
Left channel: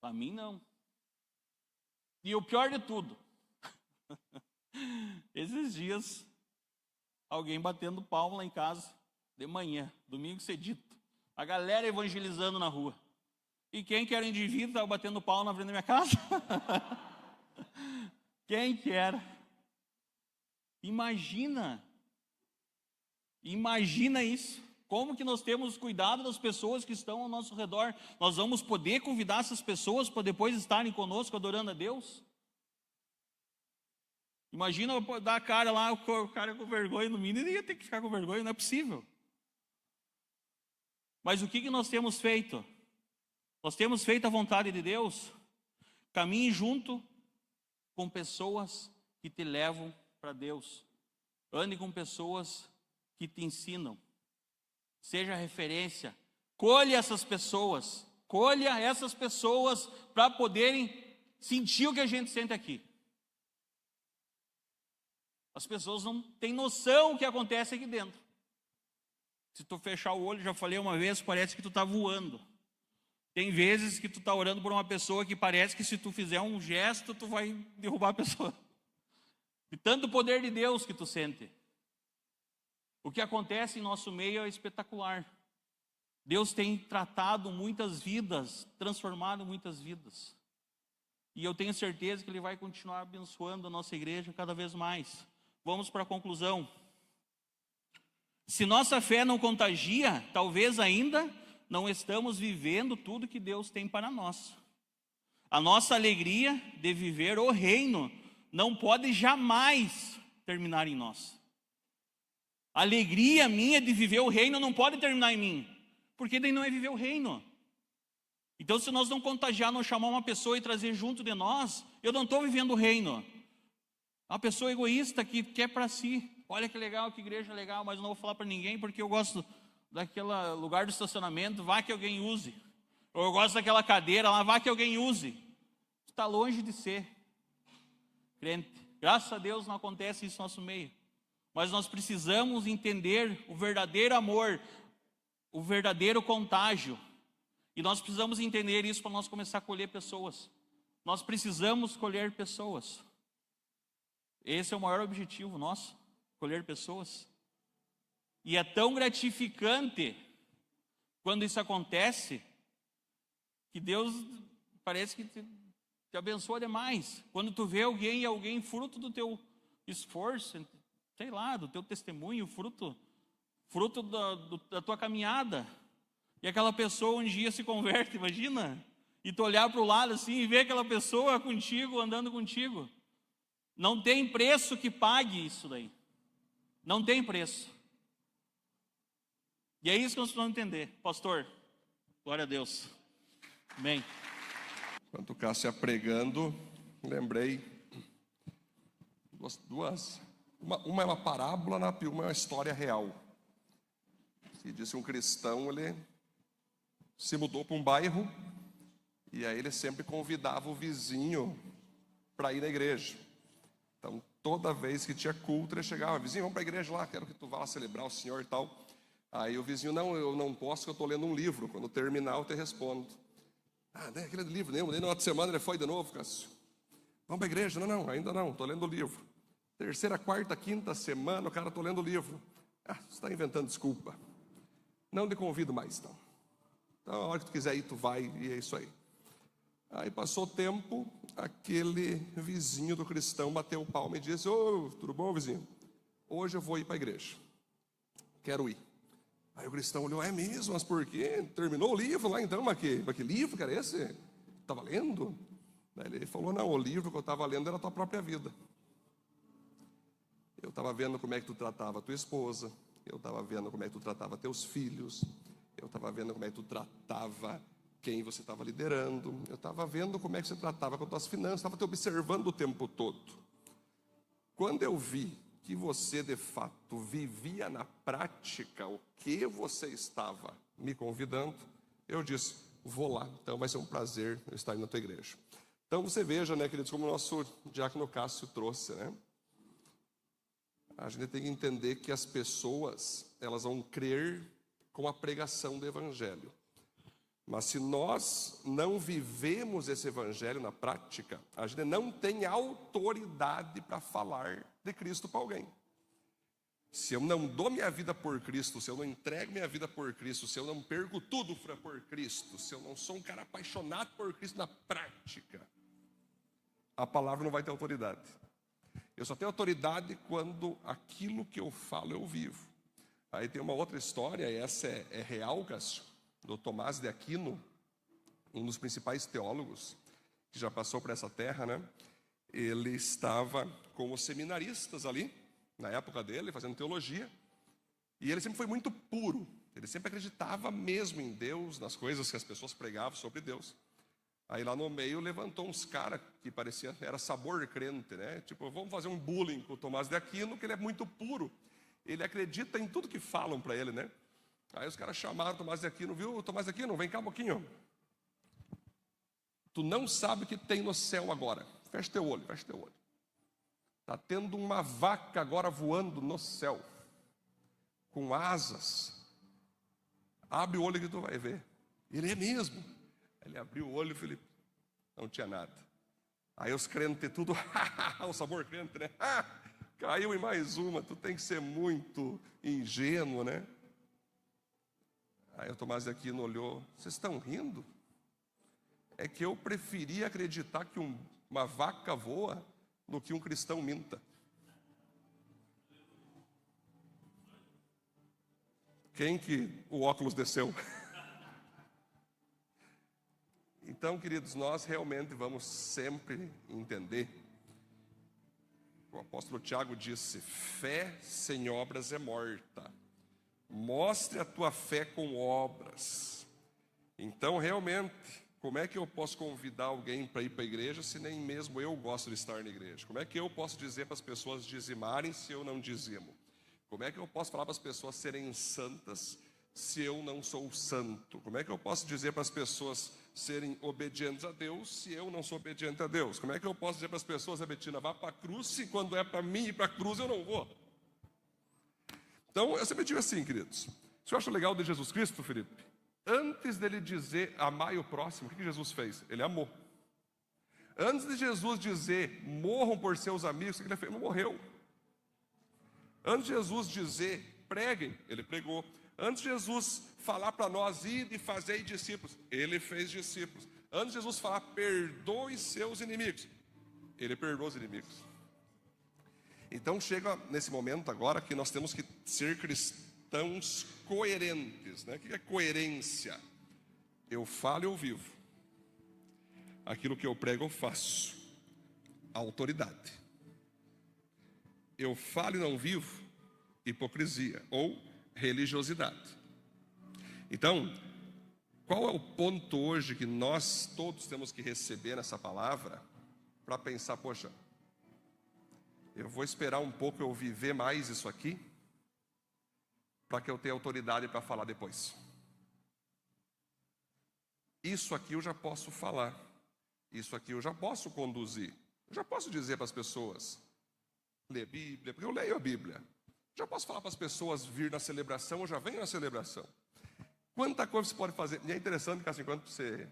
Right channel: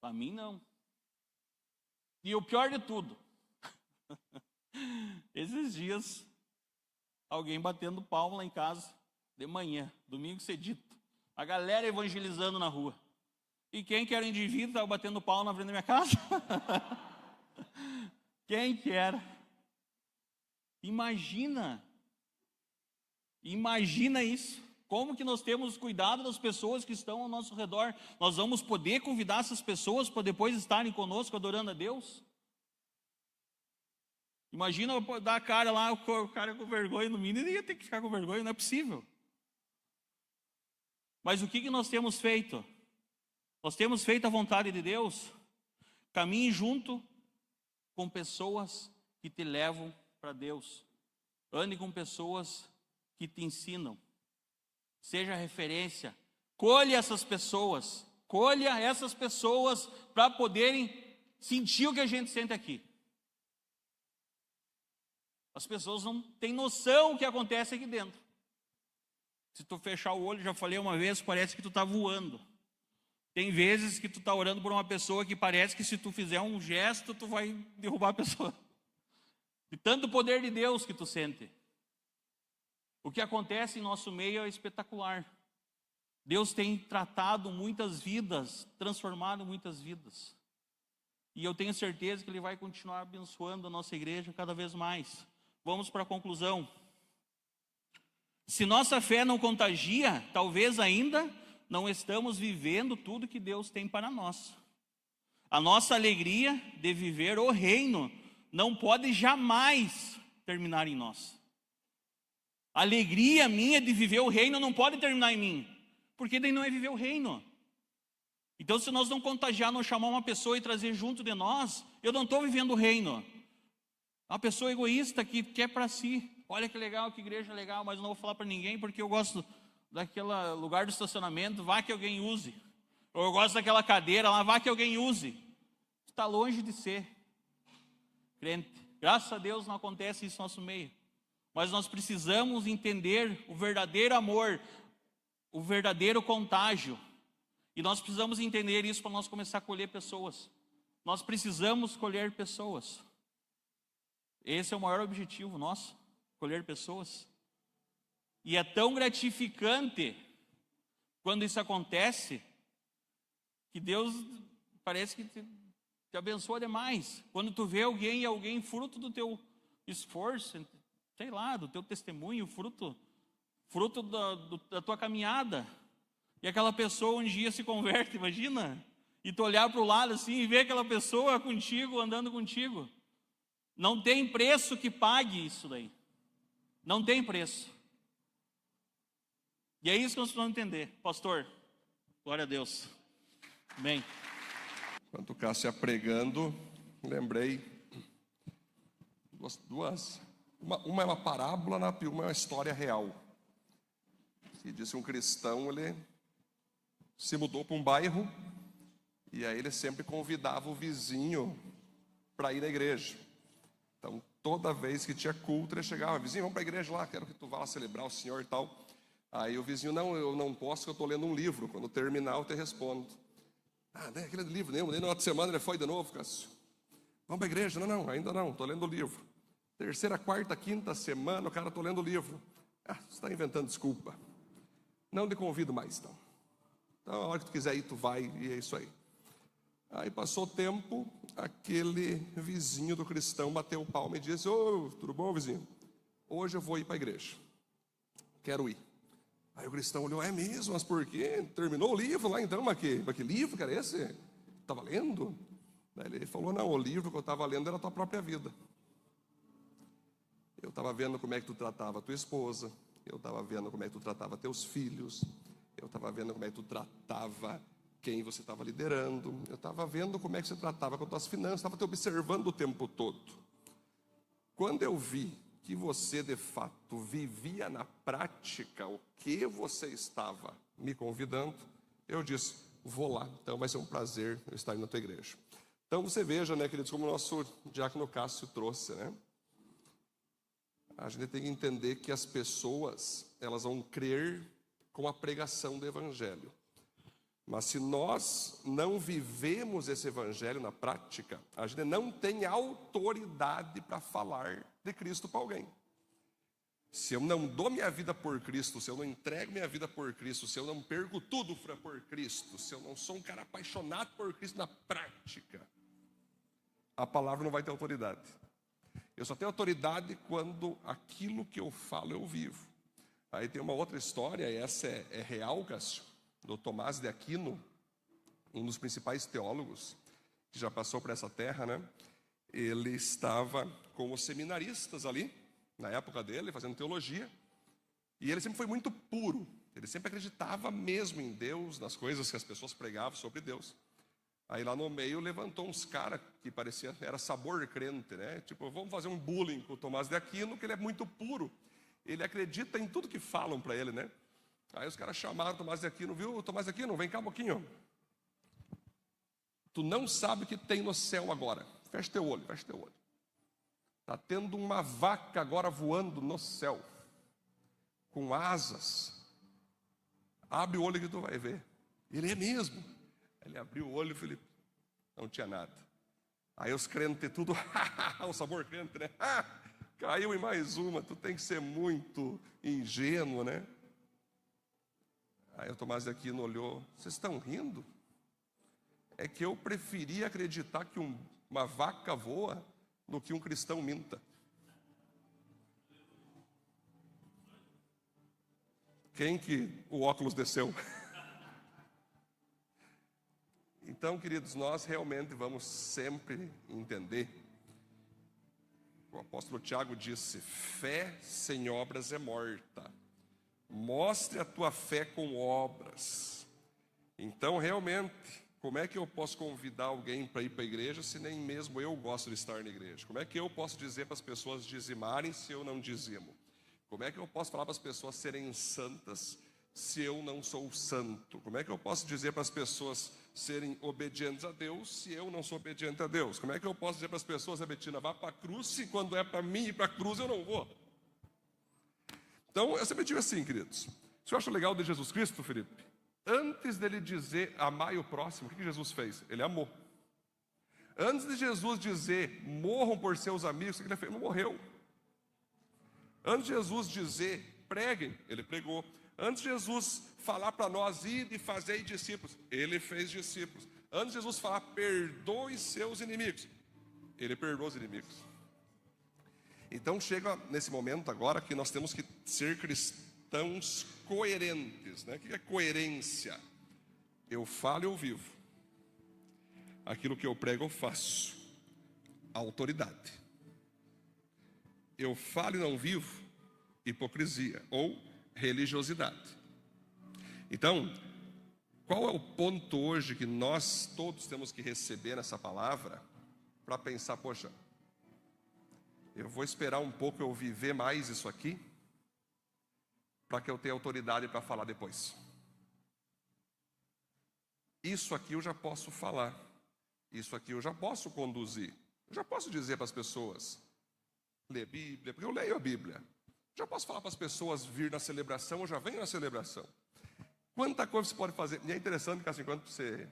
Para mim, não. E o pior de tudo, esses dias, alguém batendo palma lá em casa, de manhã, domingo cedito. A galera evangelizando na rua. E quem que era o indivíduo que estava batendo palma na frente da minha casa? Quem que era? Imagina isso. Como que nós temos cuidado das pessoas que estão ao nosso redor? Nós vamos poder convidar essas pessoas para depois estarem conosco adorando a Deus? Imagina eu dar a cara lá, o cara com vergonha no mínimo, ele ia ter que ficar com vergonha, não é possível. Mas o que nós temos feito? Nós temos feito a vontade de Deus? Caminhe junto com pessoas que te levam para Deus. Ande com pessoas que te ensinam. Seja referência. Colha essas pessoas para poderem sentir o que a gente sente aqui. As pessoas não têm noção do que acontece aqui dentro. Se tu fechar o olho, já falei uma vez, parece que tu está voando. Tem vezes que tu está orando por uma pessoa que parece que se tu fizer um gesto, tu vai derrubar a pessoa. De tanto poder de Deus que tu sente. O que acontece em nosso meio é espetacular. Deus tem tratado muitas vidas, transformado muitas vidas. E eu tenho certeza que Ele vai continuar abençoando a nossa igreja cada vez mais. Vamos para a conclusão. Se nossa fé não contagia, talvez ainda não estamos vivendo tudo que Deus tem para nós. A nossa alegria de viver o reino não pode jamais terminar em nós. A alegria minha de viver o reino não pode terminar em mim, porque daí não é viver o reino. Então, se nós não contagiar, não chamar uma pessoa e trazer junto de nós, eu não estou vivendo o reino. Uma pessoa egoísta que quer para si. Olha que legal, que igreja legal, mas não vou falar para ninguém porque eu gosto daquele lugar do estacionamento, vá que alguém use. Ou eu gosto daquela cadeira lá, vá que alguém use. Está longe de ser crente. Graças a Deus não acontece isso no nosso meio. Mas nós precisamos entender o verdadeiro amor, o verdadeiro contágio. E nós precisamos entender isso para nós começar a colher pessoas. Nós precisamos colher pessoas. Esse é o maior objetivo nosso, colher pessoas. E é tão gratificante quando isso acontece, que Deus parece que te abençoa demais. Quando tu vê alguém fruto do teu esforço, sei lá, do teu testemunho, fruto da tua caminhada. E aquela pessoa um dia se converte, imagina? E tu olhar para o lado assim e ver aquela pessoa contigo, andando contigo. Não tem preço que pague isso daí. Não tem preço. E é isso que nós precisamos entender. Pastor, glória a Deus. Amém. Enquanto o Cássio ia pregando, lembrei duas. Uma é uma parábola, uma é uma história real. Que diz que um cristão, ele se mudou para um bairro e aí ele sempre convidava o vizinho para ir na igreja. Então, toda vez que tinha culto, ele chegava: vizinho, vamos para a igreja lá, quero que tu vá lá celebrar o Senhor e tal. Aí o vizinho: não, eu não posso, eu estou lendo um livro, quando terminar eu te respondo. Nem aquele livro, nem na outra semana ele foi de novo, Cássio. Vamos para a igreja? Não, ainda não, estou lendo o livro. Terceira, quarta, quinta semana, o cara, estou lendo o livro. Você está inventando desculpa. Não te convido mais, então. Então, a hora que tu quiser ir, tu vai, e é isso aí. Aí passou o tempo, aquele vizinho do cristão bateu o palmo e disse: tudo bom, vizinho? Hoje eu vou ir para a igreja. Quero ir. Aí o cristão olhou: é mesmo? Mas por quê? Terminou o livro lá então? Mas que livro, cara, esse? Estava lendo? Aí ele falou: não, o livro que eu estava lendo era a tua própria vida. Eu estava vendo como é que tu tratava a tua esposa, eu estava vendo como é que tu tratava teus filhos, eu estava vendo como é que tu tratava quem você estava liderando, eu estava vendo como é que você tratava com as tuas finanças, estava te observando o tempo todo. Quando eu vi que você de fato vivia na prática o que você estava me convidando, eu disse: vou lá, então vai ser um prazer eu estar na tua igreja. Então você veja, né, queridos, como o nosso diácono Cássio trouxe, né? A gente tem que entender que as pessoas, elas vão crer com a pregação do evangelho. Mas se nós não vivemos esse evangelho na prática, a gente não tem autoridade para falar de Cristo para alguém. Se eu não dou minha vida por Cristo, se eu não entrego minha vida por Cristo, se eu não perco tudo por Cristo, se eu não sou um cara apaixonado por Cristo na prática, a palavra não vai ter autoridade. Eu só tenho autoridade quando aquilo que eu falo eu vivo. Aí tem uma outra história, e essa é real, Cássio, do Tomás de Aquino, um dos principais teólogos que já passou por essa terra, né? Ele estava com os seminaristas ali, na época dele, fazendo teologia, e ele sempre foi muito puro, ele sempre acreditava mesmo em Deus, nas coisas que as pessoas pregavam sobre Deus. Aí lá no meio levantou uns caras que parecia, era sabor crente, né? Tipo, vamos fazer um bullying com o Tomás de Aquino, que ele é muito puro, ele acredita em tudo que falam para ele, né? Aí os caras chamaram o Tomás de Aquino: viu, Tomás de Aquino, vem cá um pouquinho. Tu não sabe o que tem no céu agora. Fecha teu olho, fecha teu olho. Está tendo uma vaca agora voando no céu, com asas. Abre o olho que tu vai ver. Ele: é mesmo? Ele abriu o olho, Felipe, não tinha nada. Aí os crentes tudo, o sabor crente, né? Caiu em mais uma, tu tem que ser muito ingênuo, né? Aí o Tomás de Aquino olhou: vocês estão rindo? é que eu preferia acreditar que uma vaca voa do que um cristão minta. Quem que o óculos desceu? Então, queridos, nós realmente vamos sempre entender. O apóstolo Tiago disse: fé sem obras é morta. Mostre a tua fé com obras. Então, realmente, como é que eu posso convidar alguém para ir para a igreja se nem mesmo eu gosto de estar na igreja? Como é que eu posso dizer para as pessoas dizimarem se eu não dizimo? Como é que eu posso falar para as pessoas serem santas se eu não sou santo? Como é que eu posso dizer para as pessoas serem obedientes a Deus se eu não sou obediente a Deus? Como é que eu posso dizer para as pessoas: Betina, vá para a cruz, se quando é para mim ir para a cruz eu não vou? Então, eu sempre digo assim, queridos. Se eu acho legal de Jesus Cristo, Felipe, antes dele dizer amai o próximo, o que Jesus fez? Ele amou. Antes de Jesus dizer morram por seus amigos, o que ele fez? Ele morreu. Antes de Jesus dizer preguem, ele pregou. Antes de Jesus falar para nós ide e fazei discípulos, ele fez discípulos. Antes de Jesus falar perdoe seus inimigos, ele perdoou os inimigos. Então chega nesse momento agora que nós temos que ser cristãos coerentes, né? O que é coerência? Eu falo e eu vivo. Aquilo que eu prego eu faço. Autoridade. Eu falo e não vivo, hipocrisia ou religiosidade. Então, qual é o ponto hoje que nós todos temos que receber nessa palavra para pensar: poxa, eu vou esperar um pouco eu viver mais isso aqui para que eu tenha autoridade para falar depois. Isso aqui eu já posso falar, isso aqui eu já posso conduzir, eu já posso dizer para as pessoas ler Bíblia, porque eu leio a Bíblia. Já posso falar para as pessoas vir na celebração, eu já venho na celebração. Quanta coisa você pode fazer. E é interessante que assim, quando você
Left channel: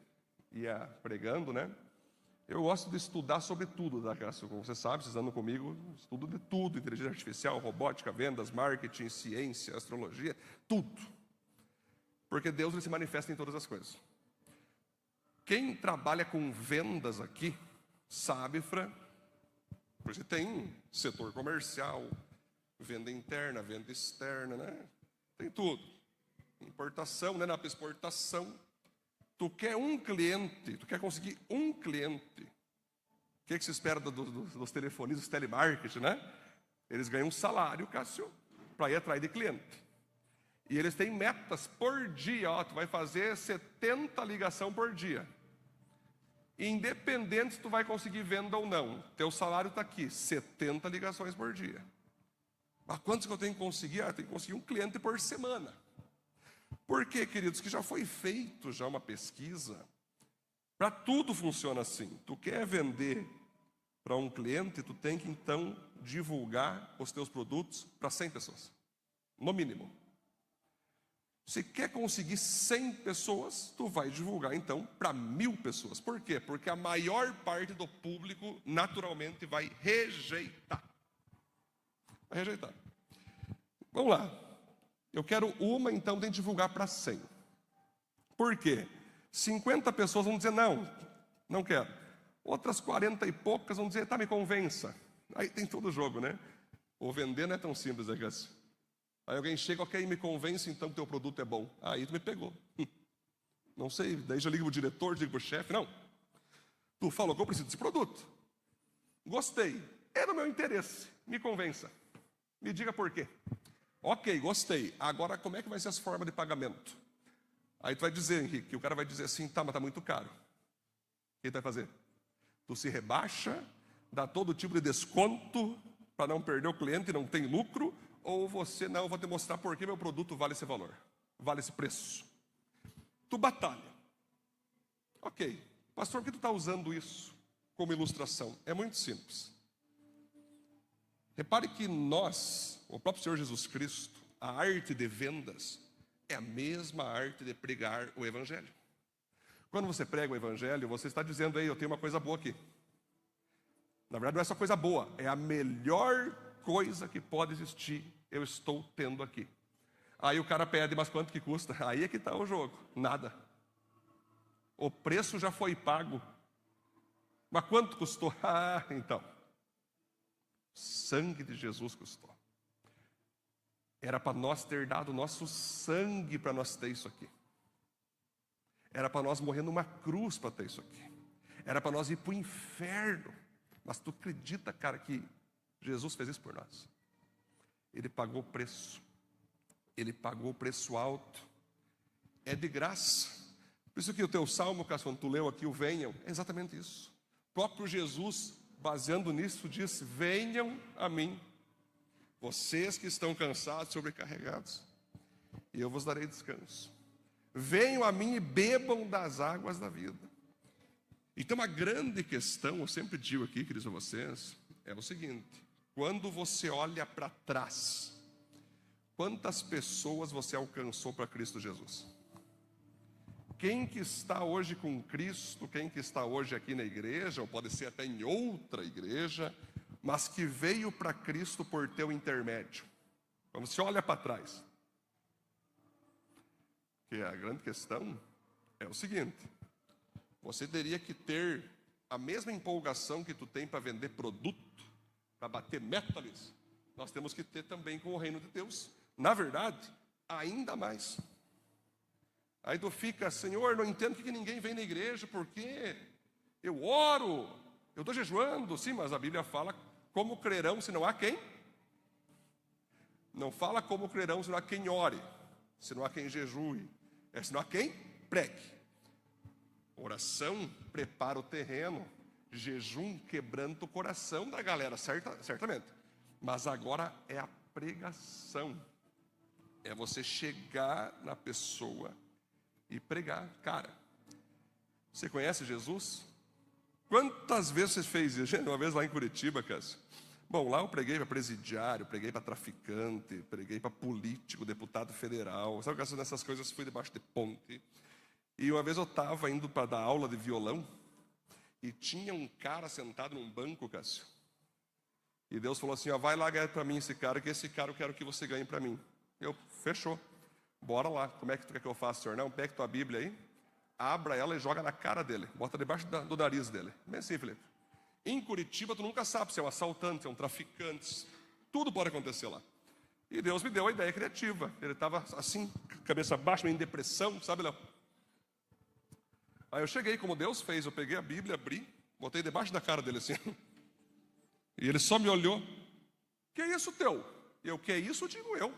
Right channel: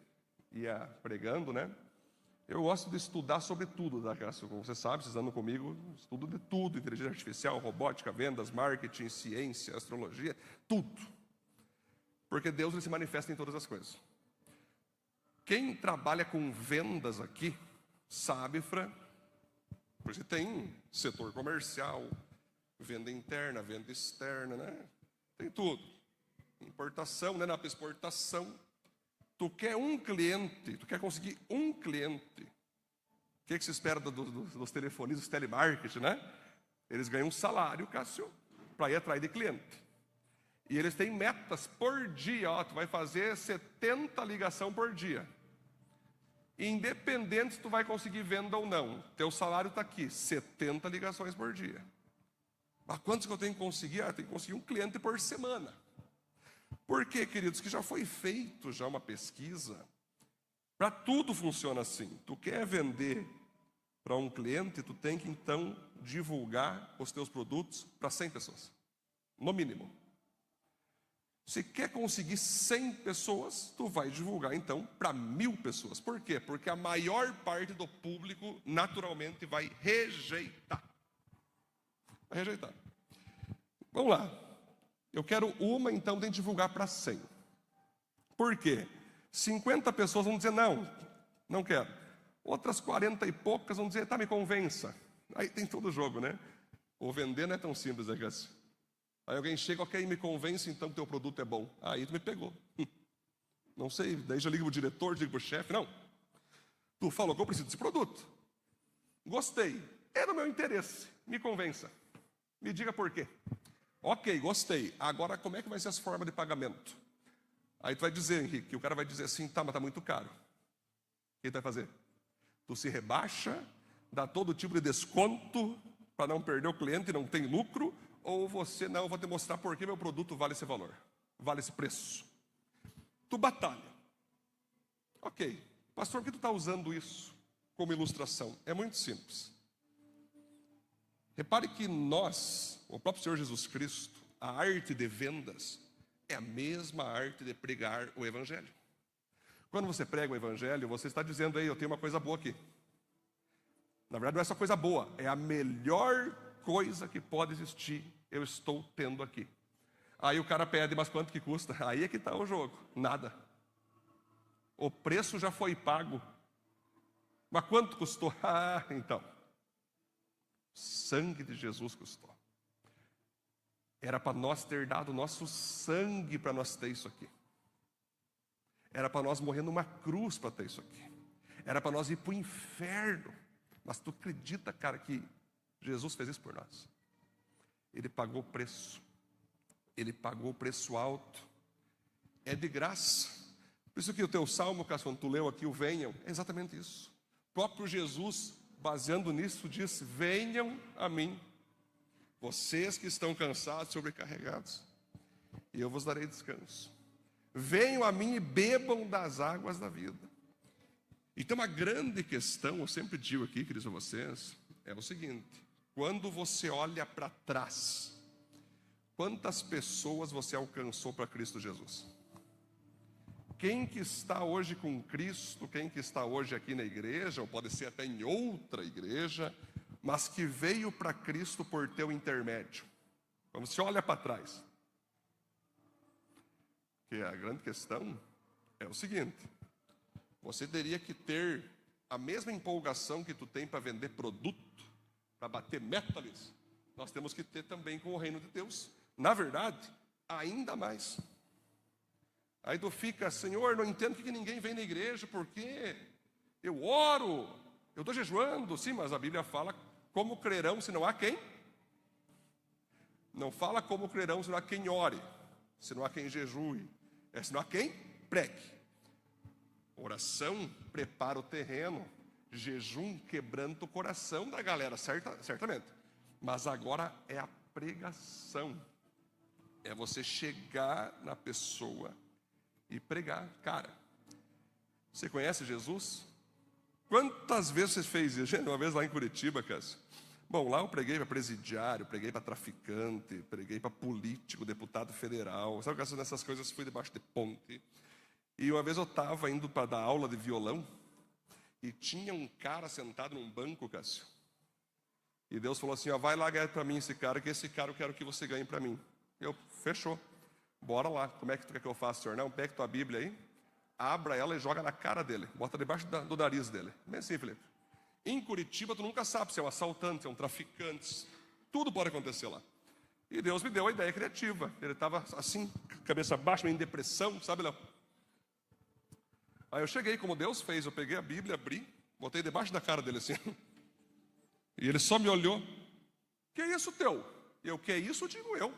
ia pregando, né? Eu gosto de estudar sobre tudo, tá? Como você sabe, vocês andam comigo, estudo de tudo: inteligência artificial, robótica, vendas, marketing, ciência, astrologia, tudo. Porque Deus ele se manifesta em todas as coisas. Quem trabalha com vendas aqui sabe, Fran, porque tem setor comercial, venda interna, venda externa, né? Tem tudo. Importação, né? Na exportação. Tu quer um cliente, tu quer conseguir um cliente. O que se espera dos telefonistas, telemarketing, né? Eles ganham um salário, Cássio, para ir atrás de cliente. E eles têm metas por dia. Ó, tu vai fazer 70 ligações por dia. Independente se tu vai conseguir venda ou não, teu salário está aqui, 70 ligações por dia. Mas quantos que eu tenho que conseguir? Eu tenho que conseguir um cliente por semana. Por quê, queridos? Que já foi feito já uma pesquisa. Para tudo funciona assim. Tu quer vender para um cliente, tu tem que então divulgar os teus produtos para 100 pessoas, no mínimo. Se quer conseguir 100 pessoas, tu vai divulgar então para 1000 pessoas. Por quê? Porque a maior parte do público naturalmente vai rejeitar. Vai rejeitar. Vamos lá. Eu quero uma, então tem que divulgar para 100. Por quê? 50 pessoas vão dizer não, não quero. Outras 40 e poucas vão dizer, tá, me convença. Aí tem todo o jogo, né? O vender não é tão simples, né, Cássio? Aí alguém chega, ok, me convence então que teu produto é bom. Aí tu me pegou. Não sei, daí já liga pro diretor, liga pro chefe. Não. Tu falou que eu preciso desse produto. Gostei. É do meu interesse. Me convença. Me diga por quê. Ok, gostei. Agora como é que vai ser as formas de pagamento? Aí tu vai dizer, Henrique, que o cara vai dizer assim, tá, mas tá muito caro. O que tu vai fazer? Tu se rebaixa, dá todo tipo de desconto para não perder o cliente, não tem lucro, ou você, não, eu vou te mostrar por que meu produto vale esse valor, vale esse preço. Tu batalha. Ok, pastor, por que tu está usando isso como ilustração? É muito simples. Repare que nós, o próprio Senhor Jesus Cristo, a arte de vendas é a mesma arte de pregar o Evangelho. Quando você prega o Evangelho, você está dizendo, aí, eu tenho uma coisa boa aqui. Na verdade, não é essa coisa boa, é a melhor coisa que pode existir, eu estou tendo aqui. Aí o cara pede, mas quanto que custa? Aí é que está o jogo, nada. O preço já foi pago. Mas quanto custou? Ah, então. Sangue de Jesus custou. Era para nós ter dado nosso sangue para nós ter isso aqui. Era para nós morrer numa cruz para ter isso aqui. Era para nós ir para o inferno. Mas tu acredita, cara, que Jesus fez isso por nós? Ele pagou o preço. Ele pagou o preço alto. É de graça. Por isso que o teu salmo, quando tu leu aqui, o venham, é exatamente isso. O próprio Jesus, baseando nisso, disse: venham a mim, vocês que estão cansados, sobrecarregados, e eu vos darei descanso. Venham a mim e bebam das águas da vida. Então, a grande questão, eu sempre digo aqui, queridos, a vocês, é o seguinte: quando você olha para trás, quantas pessoas você alcançou para Cristo Jesus? Quem que está hoje com Cristo, quem que está hoje aqui na igreja, ou pode ser até em outra igreja, mas que veio para Cristo por teu intermédio? Então você olha para trás. Que a grande questão é o seguinte: você teria que ter a mesma empolgação que tu tem para vender produto, para bater meta nisso. Nós temos que ter também com o reino de Deus. Na verdade, ainda mais. Aí tu fica: Senhor, não entendo porque ninguém vem na igreja, porque eu oro, eu estou jejuando. Sim, mas a Bíblia fala como crerão se não há quem? Não fala como crerão se não há quem ore, se não há quem jejue, se não há quem pregue. Oração prepara o terreno, jejum quebranta o coração da galera, certamente. Mas agora é a pregação, é você chegar na pessoa e pregar. Cara, você conhece Jesus? Quantas vezes você fez isso? Uma vez lá em Curitiba, Cássio. Bom, lá eu preguei para presidiário, preguei para traficante, preguei para político, deputado federal. Sabe, Cássio, nessas coisas fui debaixo de ponte. E uma vez eu estava indo para dar aula de violão e tinha um cara sentado num banco, Cássio. E Deus falou assim: ó, vai lá ganhar para mim esse cara, que esse cara eu quero que você ganhe para mim. Eu, fechou. Bora lá. Como é que tu quer que eu faça, senhor? Não, pega tua Bíblia aí, abra ela e joga na cara dele. Bota debaixo do nariz dele. Bem assim, Felipe. Em Curitiba, tu nunca sabe se é um assaltante, se é um traficante. Tudo pode acontecer lá. E Deus me deu a ideia criativa. Ele estava assim, cabeça baixa, meio em depressão, sabe, Léo? Aí eu cheguei, como Deus fez, eu peguei a Bíblia, abri, botei debaixo da cara dele assim. E ele só me olhou. Que é isso teu? Eu, que é isso, eu digo eu.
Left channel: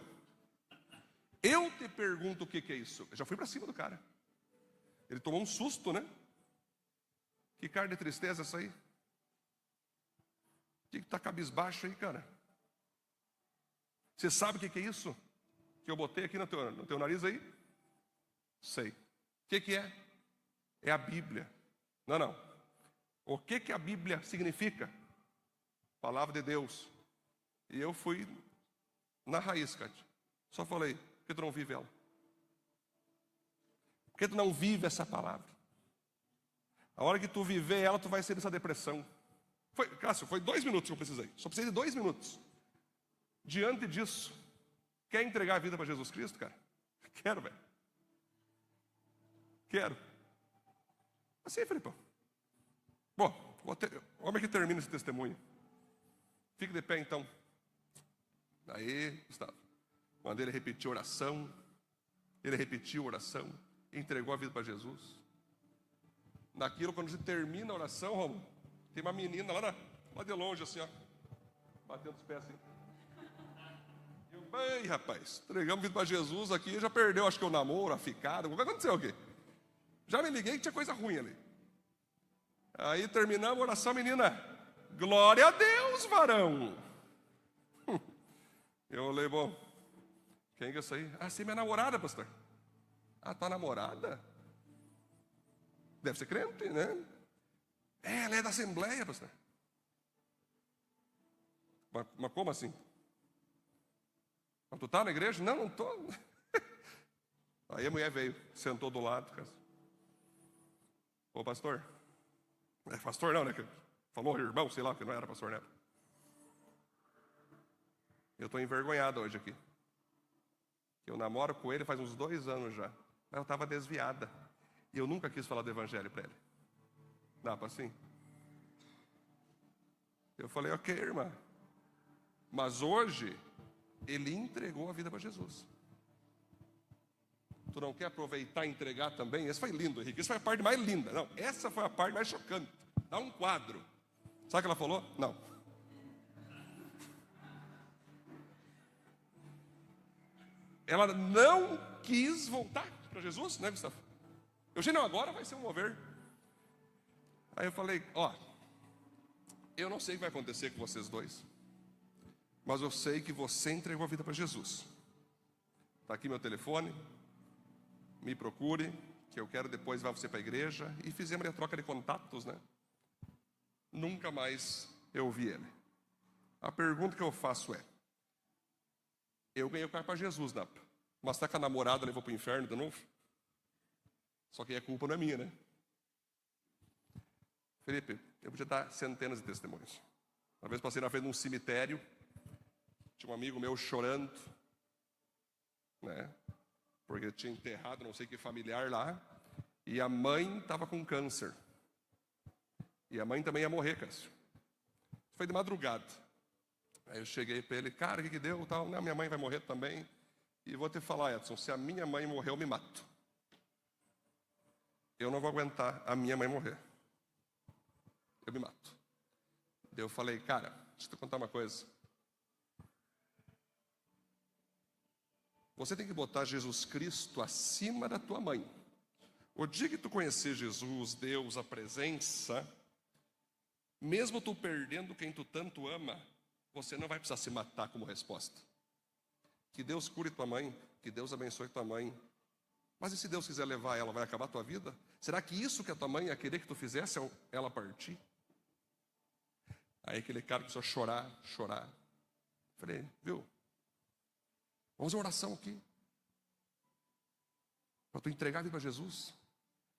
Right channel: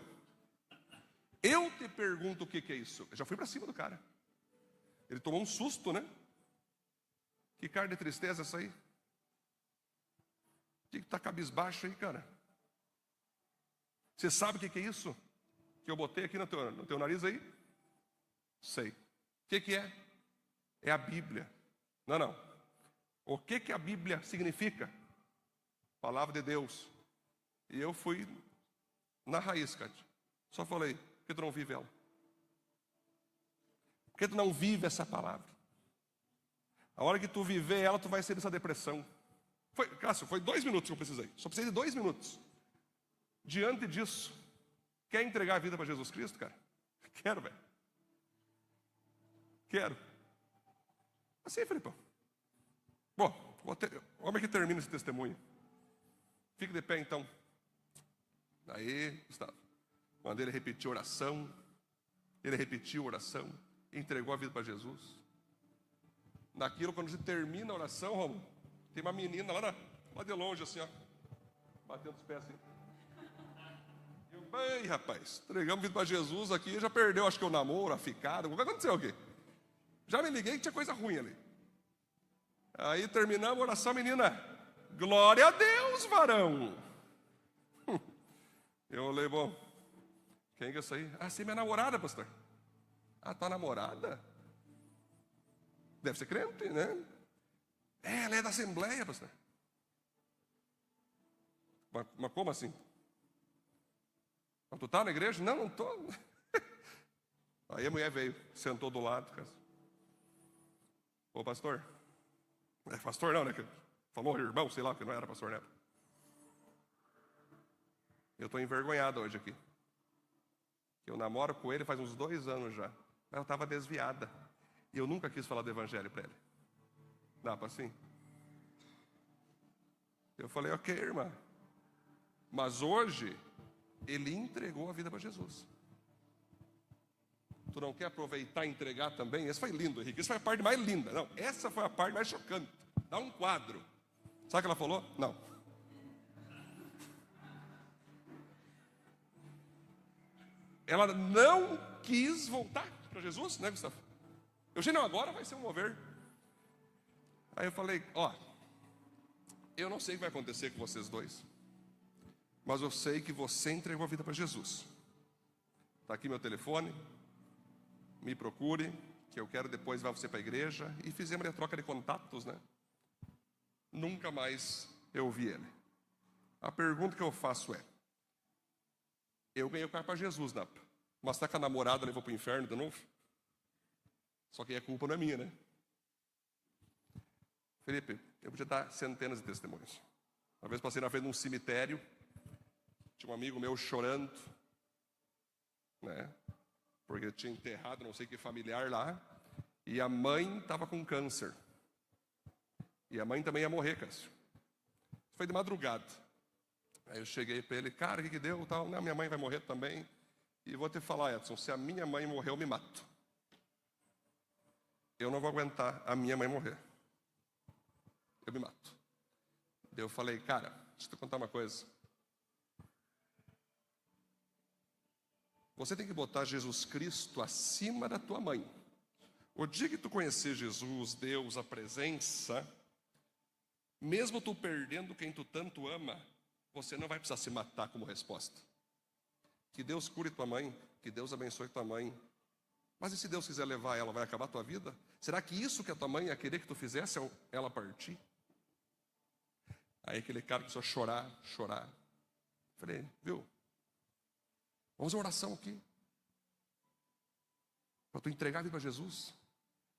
Eu te pergunto o que é isso. Eu já fui para cima do cara. Ele tomou um susto, né? Que cara de tristeza essa aí? O que está cabisbaixo aí, cara? Você sabe o que é isso? Que eu botei aqui no teu nariz aí? Sei. O que é? É a Bíblia. Não. O que a Bíblia significa? Palavra de Deus. E eu fui na raiz, cara. Só falei: por que tu não vive ela? Por que tu não vive essa palavra? A hora que tu viver ela, tu vai sair dessa depressão. Cássio, foi 2 minutos que eu precisei. Só precisei de 2 minutos. Diante disso, quer entregar a vida para Jesus Cristo, cara? Quero, velho. Quero. Assim, Felipão. Bom, como é que termina esse testemunho? Fique de pé, então. Aí estava. Quando ele repetiu a oração, entregou a vida para Jesus. Naquilo, quando você termina a oração, Romulo, tem uma menina lá de longe, assim, ó, batendo os pés assim. Eu, bem, rapaz, entregamos a vida para Jesus aqui, já perdeu, acho que o namoro, a ficada, o que aconteceu aqui? Já me liguei que tinha coisa ruim ali. Aí terminamos a oração, menina, glória a Deus, varão. Eu olhei, bom, quem que é isso aí? Ah, sim, minha namorada, pastor. Ah, tua namorada? Deve ser crente, né? É, ela é da Assembleia, pastor. Mas como assim? Mas tu tá na igreja? Não tô. Aí a mulher veio, sentou do lado. Ô, pastor. É pastor não, né? Falou irmão, sei lá, que não era pastor, né? Eu estou envergonhado hoje aqui. Eu namoro com ele faz uns 2 anos já. Mas eu estava desviada. E eu nunca quis falar do evangelho para ele. Dá para assim? Eu falei, ok, irmã. Mas hoje, ele entregou a vida para Jesus. Tu não quer aproveitar e entregar também? Esse foi lindo, Henrique. Essa foi a parte mais linda. Não, essa foi a parte mais chocante. Dá um quadro. Sabe o que ela falou? Não. Ela não quis voltar para Jesus, né, Gustavo? Eugênio, agora vai ser um mover. Aí eu falei, ó, eu não sei o que vai acontecer com vocês dois, mas eu sei que você entregou a vida para Jesus. Está aqui meu telefone, me procure, que eu quero depois levar você para a igreja. E fizemos a troca de contatos, né? Nunca mais eu vi ele. A pergunta que eu faço é, eu ganhei o carro para Jesus, né? Mas está com a namorada, levou para o inferno de novo? Só que a culpa não é minha, né? Felipe, eu podia dar centenas de testemunhos. Uma vez passei na frente de um cemitério, tinha um amigo meu chorando, né? Porque tinha enterrado não sei que familiar lá, e a mãe estava com câncer. E a mãe também ia morrer, Cássio. Foi de madrugada. Aí eu cheguei para ele, cara, o que deu? Tal? Não, minha mãe vai morrer também. E vou te falar, Edson, se a minha mãe morrer, eu me mato. Eu não vou aguentar a minha mãe morrer. Eu me mato. Daí eu falei, cara, deixa eu te contar uma coisa. Você tem que botar Jesus Cristo acima da tua mãe. O dia que tu conhecer Jesus, Deus, a presença, mesmo tu perdendo quem tu tanto ama, você não vai precisar se matar como resposta. Que Deus cure tua mãe, que Deus abençoe tua mãe. Mas e se Deus quiser levar ela, vai acabar a tua vida? Será que isso que a tua mãe ia querer que tu fizesse ao ela partir? Aí aquele cara começou a chorar. Falei, viu? Vamos uma oração aqui. Para tu entregar a vida para Jesus.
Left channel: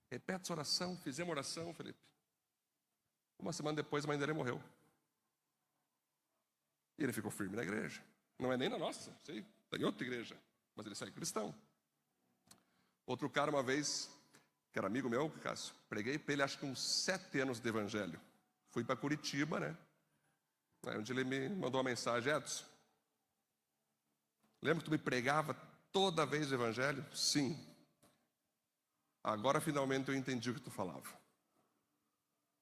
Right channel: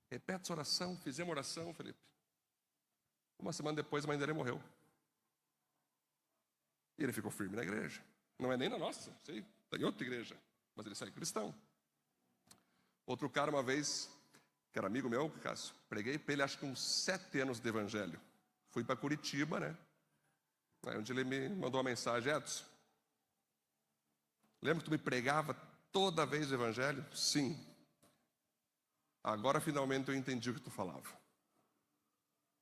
Repete essa oração, fizemos oração, Felipe. Uma semana depois a mãe dele morreu. E ele ficou firme na igreja. Não é nem na nossa, sei, tem outra igreja. Mas ele saiu cristão. Outro cara uma vez, que era amigo meu, Cássio, preguei para ele acho que uns 7 anos de evangelho. Fui para Curitiba, né? Aí onde ele me mandou uma mensagem, Edson, lembra que tu me pregava toda vez o evangelho? Sim. Agora finalmente eu entendi o que tu falava.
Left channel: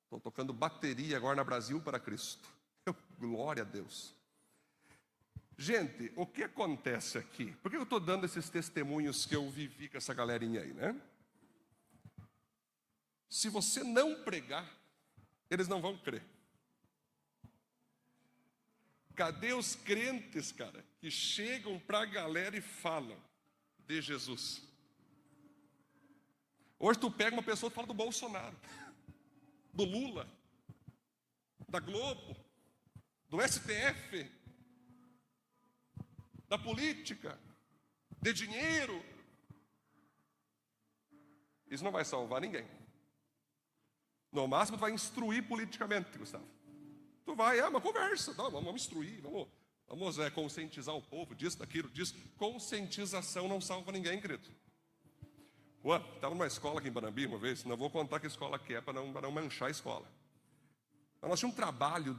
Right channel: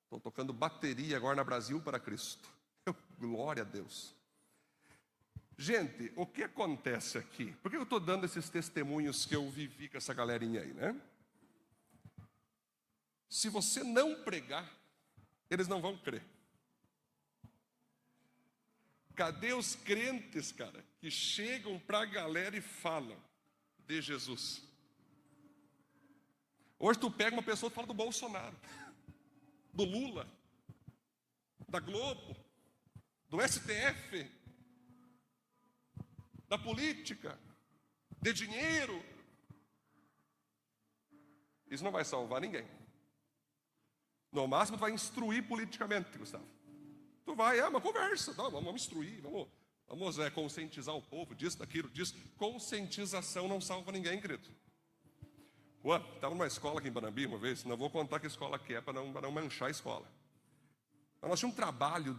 Estou tocando bateria agora na Brasil para Cristo. Glória a Deus. Gente, o que acontece aqui? Por que eu estou dando esses testemunhos que eu vivi com essa galerinha aí, né? Se você não pregar, eles não vão crer. Cadê os crentes, cara, que chegam para a galera e falam de Jesus? Hoje tu pega uma pessoa e fala do Bolsonaro, do Lula, da Globo, do STF, da política, de dinheiro. Isso não vai salvar ninguém. No máximo tu vai instruir politicamente, Gustavo. Tu vai, uma conversa, tá? Vamos instruir, vamos conscientizar o povo disso, daquilo, disso. Conscientização não salva ninguém, querido. Estava numa escola aqui em Banambi uma vez, não vou contar que escola que é para não manchar a escola. Mas nós tínhamos um trabalho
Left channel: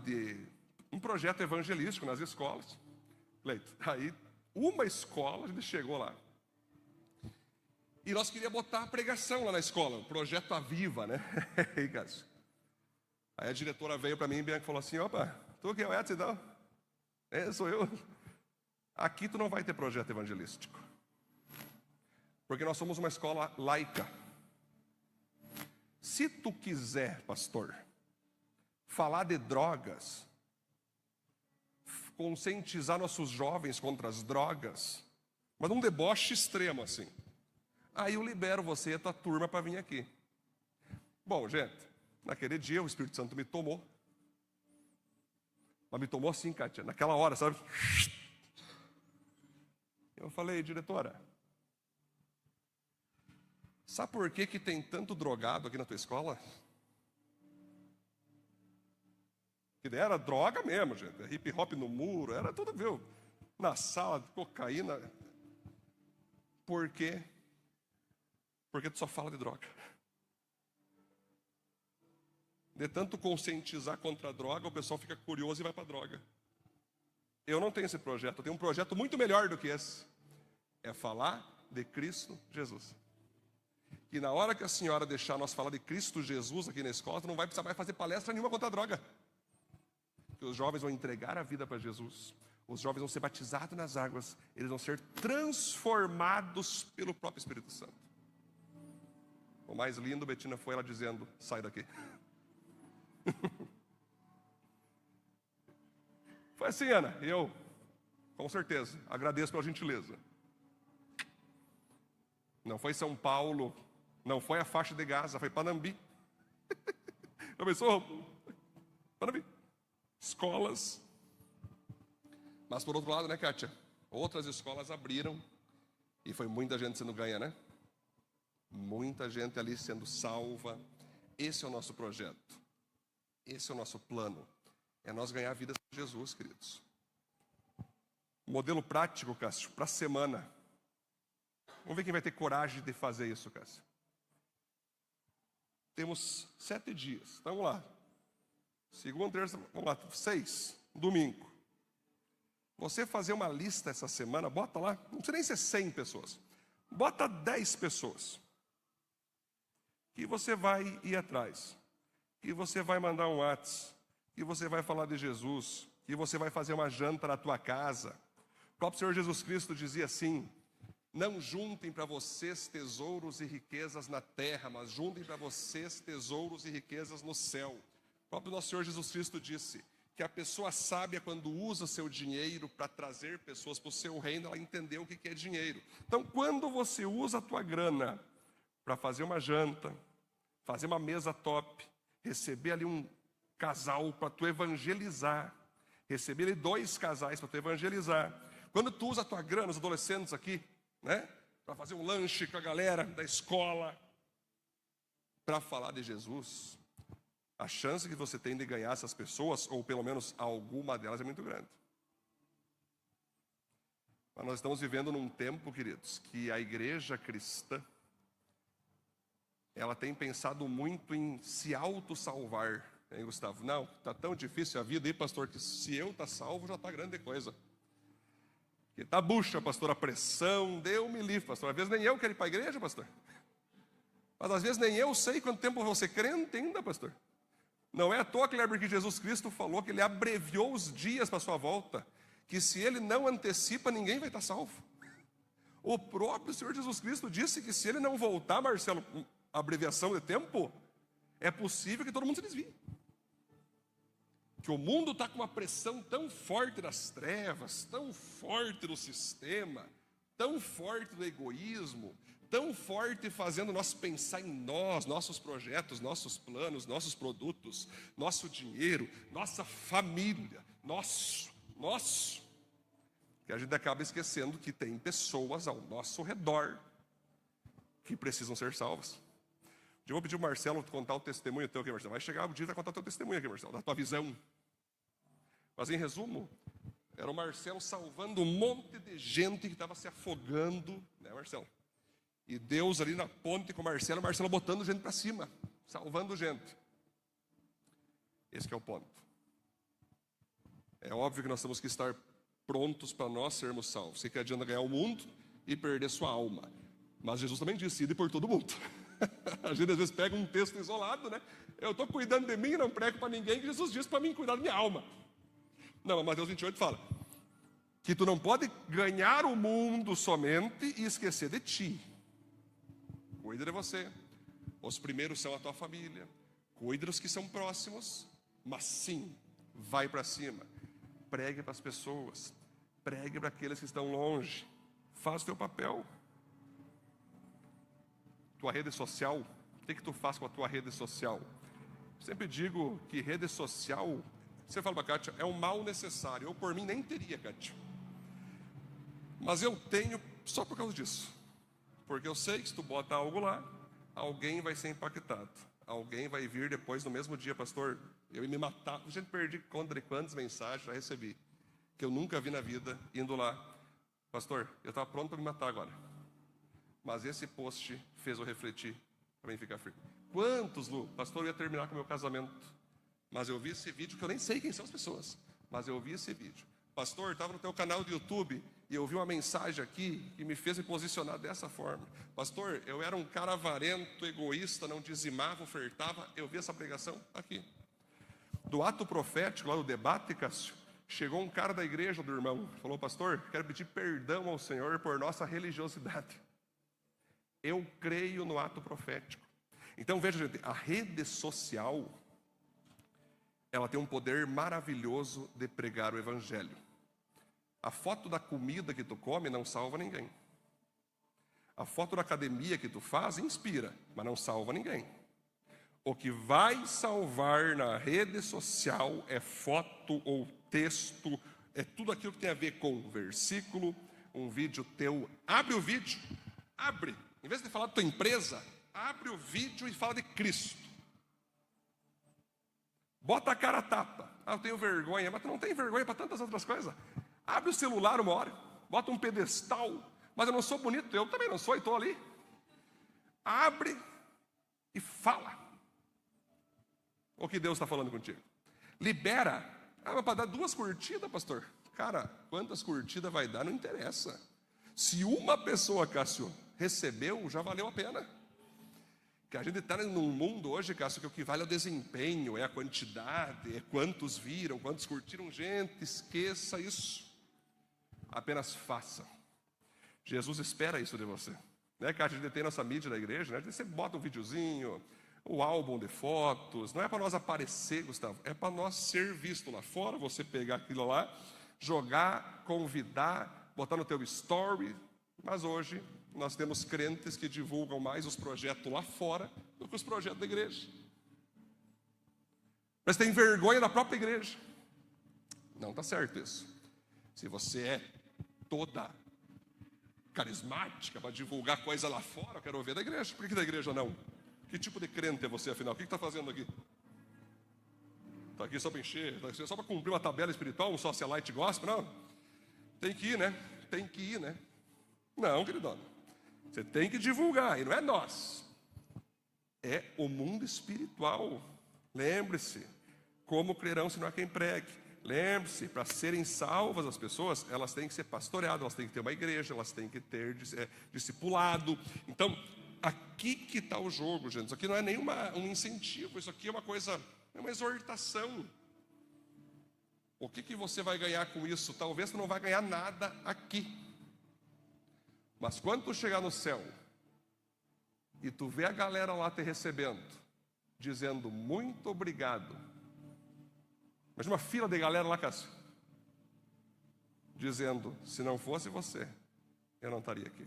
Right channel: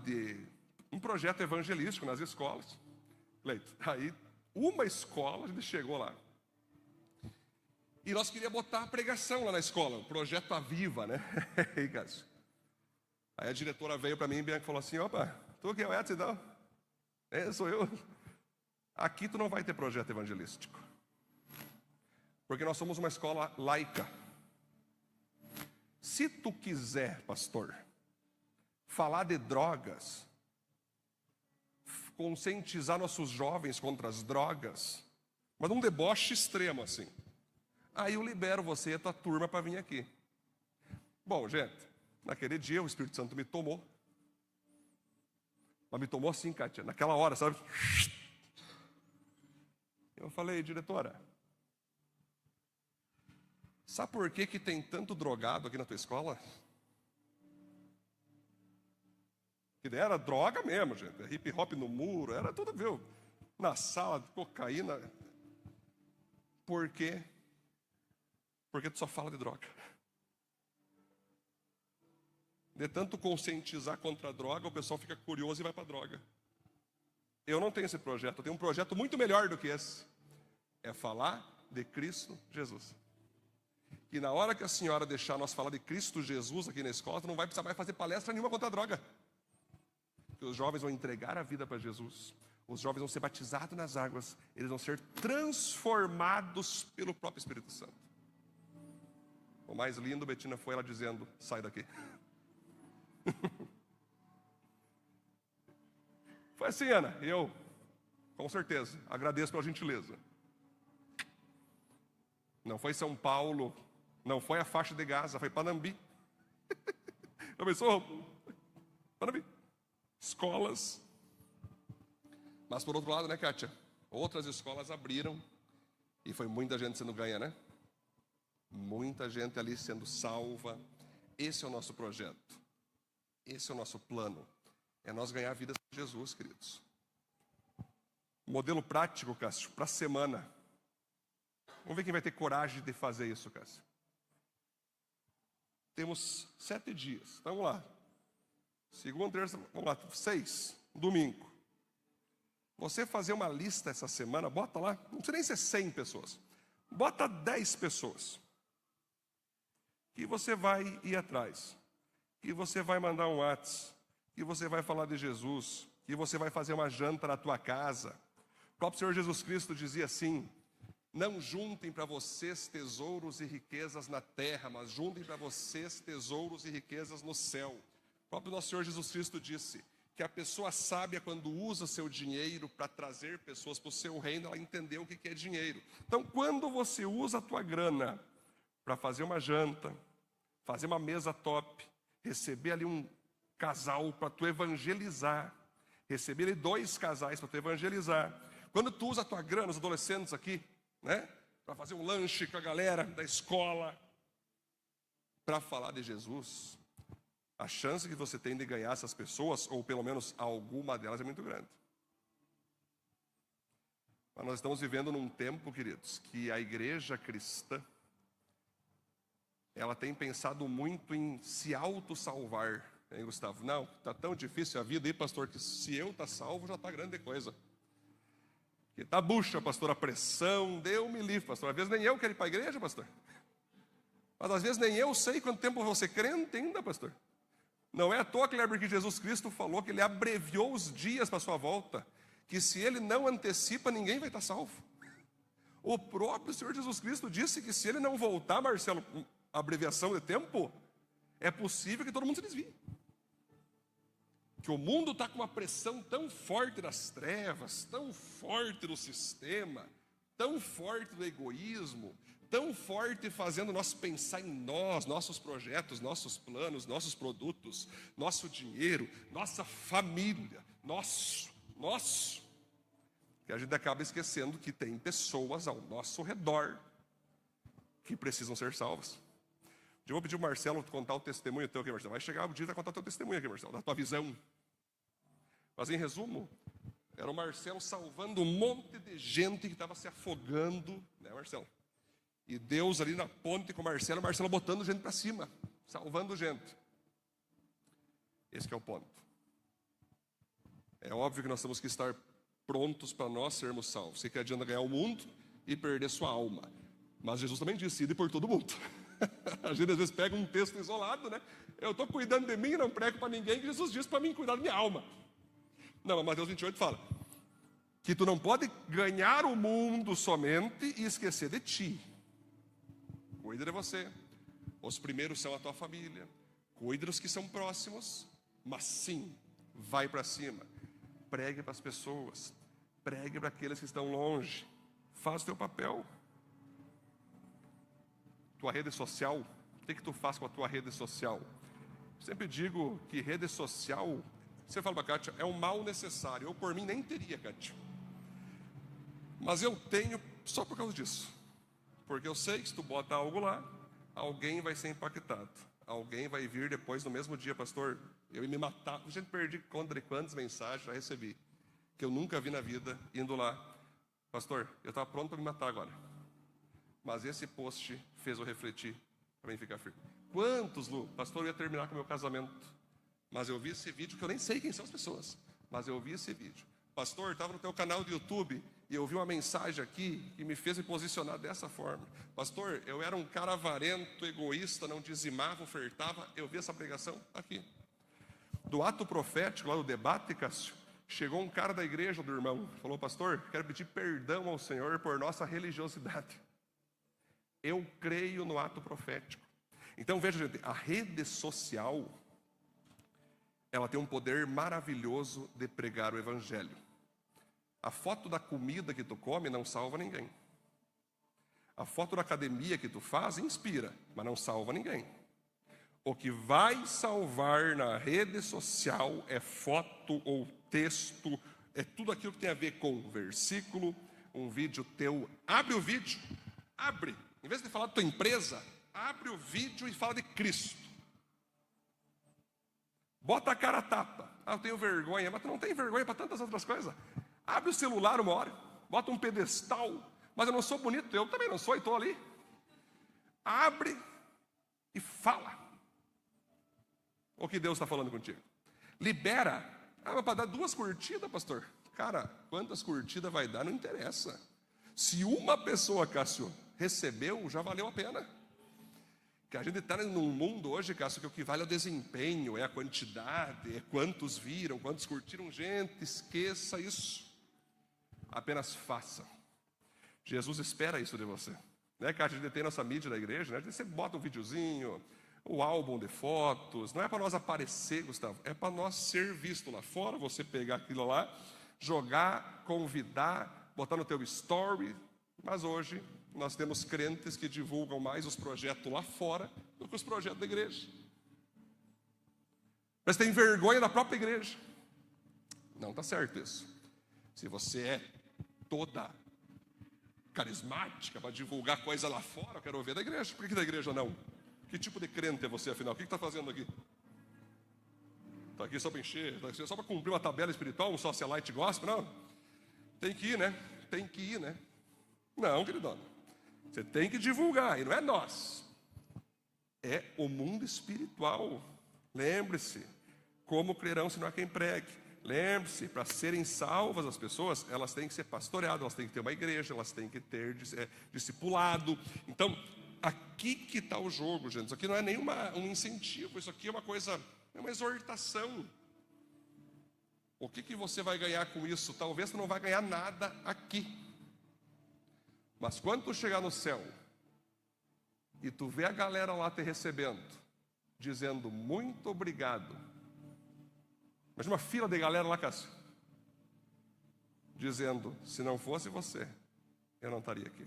um projeto evangelístico nas escolas. Leito. Aí, uma escola, a gente chegou lá. E nós queríamos botar a pregação lá na escola, o projeto Aviva, né? Aí a diretora veio para mim e falou assim, opa, tu que é o Edson, não? Sou eu. Aqui tu não vai ter projeto evangelístico. Porque nós somos uma escola laica. Se tu quiser, pastor, falar de drogas, conscientizar nossos jovens contra as drogas, mas um deboche extremo assim, aí eu libero você e a tua turma para vir aqui. Bom, gente, naquele dia o Espírito Santo me tomou. Mas me tomou assim, Kátia, naquela hora, sabe? Eu falei, diretora, sabe por que tem tanto drogado aqui na tua escola? Que era droga mesmo, gente. Hip hop no muro, era tudo, viu? Na sala, cocaína. Por quê? Porque tu só fala de droga. De tanto conscientizar contra a droga, o pessoal fica curioso e vai para a droga. Eu não tenho esse projeto, eu tenho um projeto muito melhor do que esse. É falar de Cristo Jesus. E na hora que a senhora deixar nós falar de Cristo Jesus aqui na escola, não vai precisar mais fazer palestra nenhuma contra a droga. Porque os jovens vão entregar a vida para Jesus. Os jovens vão ser batizados nas águas. Eles vão ser transformados pelo próprio Espírito Santo. O mais lindo, Betina, foi ela dizendo: sai daqui. Foi assim, Ana. Eu, com certeza, agradeço pela gentileza. Não foi São Paulo, não foi a faixa de Gaza, foi Panambi. Já pensou? Panambi. Escolas. Mas por outro lado, né, Kátia? Outras escolas abriram e foi muita gente sendo ganha, né? Muita gente ali sendo salva. Esse é o nosso projeto. Esse é o nosso plano. É nós ganhar a vida de Jesus, queridos. Modelo prático, Cássio, para a semana. Vamos ver quem vai ter coragem de fazer isso, Cássio. Temos 7 dias. Então, vamos lá. Segunda, terça, vamos lá, 6, domingo. Você fazer uma lista essa semana, bota lá, não precisa nem ser 100 pessoas. Bota 10 pessoas. Que você vai ir atrás. Que você vai mandar um WhatsApp. Que você vai falar de Jesus. Que você vai fazer uma janta na tua casa. O próprio Senhor Jesus Cristo dizia assim: não juntem para vocês tesouros e riquezas na terra, mas juntem para vocês tesouros e riquezas no céu. O próprio nosso Senhor Jesus Cristo disse que a pessoa sábia, quando usa o seu dinheiro para trazer pessoas para o seu reino, ela entendeu o que é dinheiro. Então, quando você usa a tua grana para fazer uma janta, fazer uma mesa top, receber ali um casal para tu evangelizar, receber ali 2 casais para tu evangelizar, quando tu usa a tua grana, os adolescentes aqui, né, para fazer um lanche com a galera da escola, para falar de Jesus, a chance que você tem de ganhar essas pessoas, ou pelo menos alguma delas, é muito grande. Mas nós estamos vivendo num tempo, queridos, que a igreja cristã, ela tem pensado muito em se auto-salvar, hein, Gustavo? Não, está tão difícil a vida aí, pastor, que se eu estou salvo, já está grande coisa. Que tá bucha, pastor, a pressão, Deus me livre, pastor. Às vezes nem eu quero ir para a igreja, pastor. Mas às vezes nem eu sei quanto tempo você crente ainda, pastor. Não é à toa, Kleber, que Jesus Cristo falou que ele abreviou os dias para a sua volta, que se ele não antecipa, ninguém vai estar salvo. O próprio Senhor Jesus Cristo disse que se ele não voltar, Marcelo, abreviação de tempo, é possível que todo mundo se desvie. Que o mundo está com uma pressão tão forte das trevas, tão forte do sistema, tão forte do egoísmo, tão forte fazendo nós pensar em nós, nossos projetos, nossos planos, nossos produtos, nosso dinheiro, nossa família, nosso, que a gente acaba esquecendo que tem pessoas ao nosso redor que precisam ser salvas. Eu vou pedir o Marcelo contar o testemunho teu aqui, Marcelo. Vai chegar o dia de contar o teu testemunho aqui, Marcelo, da tua visão. Mas em resumo, era o Marcelo salvando um monte de gente que estava se afogando, né, Marcelo? E Deus ali na ponte com o Marcelo botando gente para cima, salvando gente. Esse que é o ponto. É óbvio que nós temos que estar prontos para nós sermos salvos. Sei que adianta ganhar o mundo e perder sua alma. Mas Jesus também disse: ide por todo mundo. A gente às vezes pega um texto isolado, né? Eu estou cuidando de mim e não prego para ninguém, que Jesus disse para mim cuidar da minha alma. Não, mas Mateus 28 fala que tu não pode ganhar o mundo somente e esquecer de ti. Cuida de você. Os primeiros são a tua família. Cuida dos que são próximos. Mas sim, vai para cima. Pregue para as pessoas. Pregue para aqueles que estão longe. Faz o teu papel. Tua rede social. O que tu faz com a tua rede social? Sempre digo que rede social, você fala para a Kátia, é um mal necessário. Eu por mim nem teria, Kátia. Mas eu tenho só por causa disso. Porque eu sei que se tu bota algo lá, alguém vai ser impactado. Alguém vai vir depois no mesmo dia, pastor, eu ia me matar. A gente perdi conta de quantas mensagens já recebi, que eu nunca vi na vida, indo lá. Pastor, eu estava pronto para me matar agora. Mas esse post fez eu refletir para mim ficar firme. Quantos, Lu? Pastor, eu ia terminar com o meu casamento. Mas eu vi esse vídeo, que eu nem sei quem são as pessoas. Mas eu vi esse vídeo. Pastor, estava no teu canal do YouTube e eu vi uma mensagem aqui que me fez me posicionar dessa forma. Pastor, eu era um cara avarento, egoísta, não dizimava, ofertava. Eu vi essa pregação aqui. Do ato profético, lá do debate, Cássio, chegou um cara da igreja do irmão. Falou, pastor, quero pedir perdão ao Senhor por nossa religiosidade. Eu creio no ato profético. Então, veja, gente, a rede social, ela tem um poder maravilhoso de pregar o evangelho. A foto da comida que tu come não salva ninguém. A foto da academia que tu faz inspira, mas não salva ninguém. O que vai salvar na rede social é foto ou texto, é tudo aquilo que tem a ver com versículo, um vídeo teu. Abre o vídeo, abre. Em vez de falar da tua empresa, abre o vídeo e fala de Cristo. Bota a cara a tapa. Ah, eu tenho vergonha, mas tu não tem vergonha para tantas outras coisas. Abre o celular uma hora, bota um pedestal, mas eu não sou bonito, eu também não sou e estou ali. Abre e fala o que Deus está falando contigo. Libera. Ah, mas para dar 2 curtidas, pastor. Cara, quantas curtidas vai dar não interessa. Se uma pessoa, Cássio, recebeu, já valeu a pena. Que a gente está num mundo hoje, Cássio, que o que vale é o desempenho, é a quantidade, é quantos viram, quantos curtiram. Gente, esqueça isso. Apenas faça. Jesus espera isso de você. Né, que a gente tem nossa mídia na igreja, né? Você bota um videozinho, o álbum de fotos. Não é para nós aparecer, Gustavo, é para nós ser visto lá fora. Você pegar aquilo lá, jogar, convidar, botar no teu story. Mas hoje nós temos crentes que divulgam mais os projetos lá fora do que os projetos da igreja. Mas tem vergonha da própria igreja. Não está certo isso. Se você é toda carismática para divulgar coisa lá fora, eu quero ouvir da igreja. Por que da igreja não? Que tipo de crente é você, afinal? O que está fazendo aqui? Está aqui só para encher? Está aqui só para cumprir uma tabela espiritual, um socialite gospel? Não. Tem que ir, né? Tem que ir, né? Não, queridão. Você tem que divulgar, e não é nós. É o mundo espiritual. Lembre-se, como crerão se não há quem pregue. Lembre-se, para serem salvas as pessoas, elas têm que ser pastoreadas, elas têm que ter uma igreja, elas têm que ter discipulado. Então, aqui que está o jogo, gente. Isso aqui não é nem um incentivo, isso aqui é uma coisa, é uma exortação. O que você vai ganhar com isso? Talvez você não vai ganhar nada aqui. Mas quando tu chegar no céu e tu vê a galera lá te recebendo, dizendo muito obrigado. Mas uma fila de galera lá, Cássio, dizendo, se não fosse você, eu não estaria aqui.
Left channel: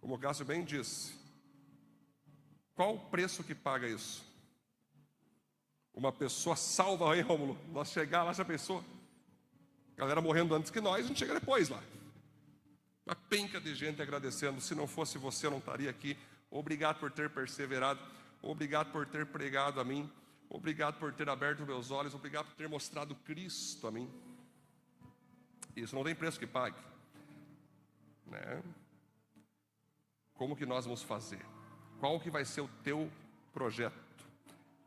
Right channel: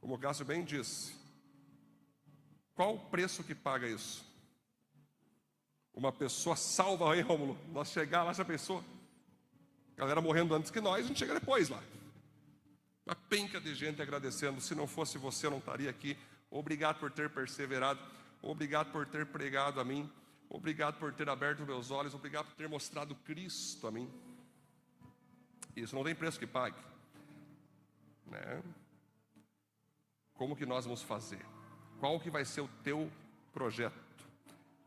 Como o Cássio bem disse, qual o preço que paga isso? Uma pessoa salva aí, Rômulo, nós chegar lá, essa pessoa, galera morrendo antes que nós, a gente chega depois lá. Uma penca de gente agradecendo, se não fosse você eu não estaria aqui. Obrigado por ter perseverado, obrigado por ter pregado a mim, obrigado por ter aberto meus olhos, obrigado por ter mostrado Cristo a mim. Isso não tem preço que pague, né? Como que nós vamos fazer? Qual que vai ser o teu projeto?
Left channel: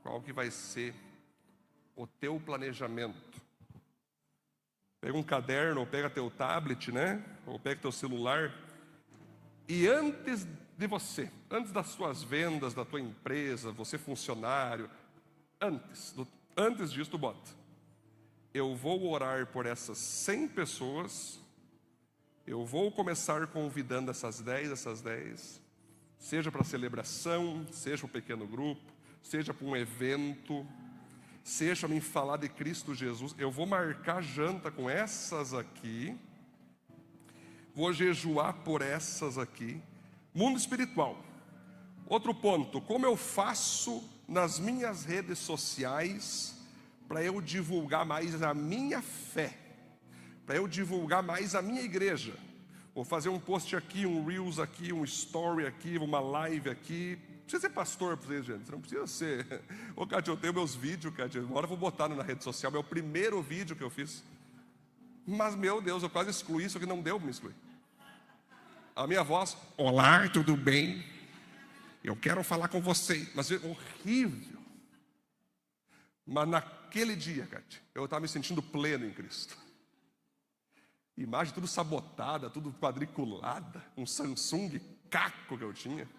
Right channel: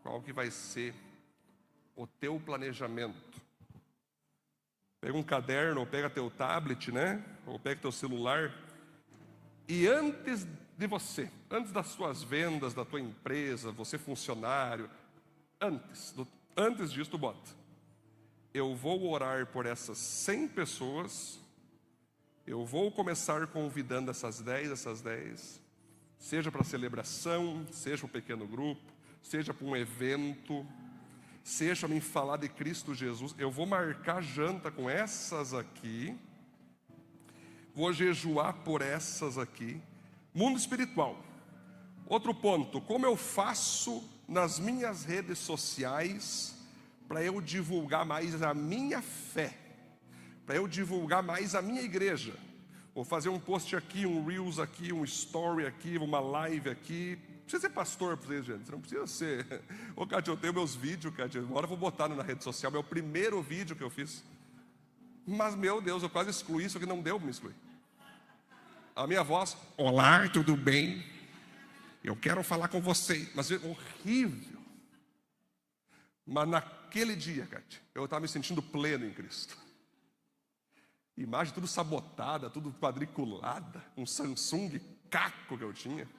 Qual que vai ser o teu planejamento? Pega um caderno, ou pega teu tablet, né? Ou pega teu celular. E antes de você, antes das suas vendas, da tua empresa, você funcionário, antes disso tu bota: eu vou orar por essas 100 pessoas, eu vou começar convidando essas 10, seja para celebração, seja para um pequeno grupo, seja para um evento, seja me falar de Cristo Jesus. Eu vou marcar janta com essas aqui, vou jejuar por essas aqui. Mundo espiritual. Outro ponto, como eu faço nas minhas redes sociais para eu divulgar mais a minha fé, para eu divulgar mais a minha igreja? Vou fazer um post aqui, um Reels aqui, um Story aqui, uma live aqui. Não precisa ser pastor para vocês, gente. Você não precisa ser. Ô, Cátia, eu tenho meus vídeos, Cátia. Agora eu vou botar na rede social. Meu primeiro vídeo que eu fiz. Mas, meu Deus, eu quase excluí isso, que não deu para me excluir. A minha voz: olá, tudo bem? Eu quero falar com você. Mas é horrível. Mas naquele dia, Cátia, eu estava me sentindo pleno em Cristo. Imagem tudo sabotada, tudo quadriculada, um Samsung caco que eu tinha.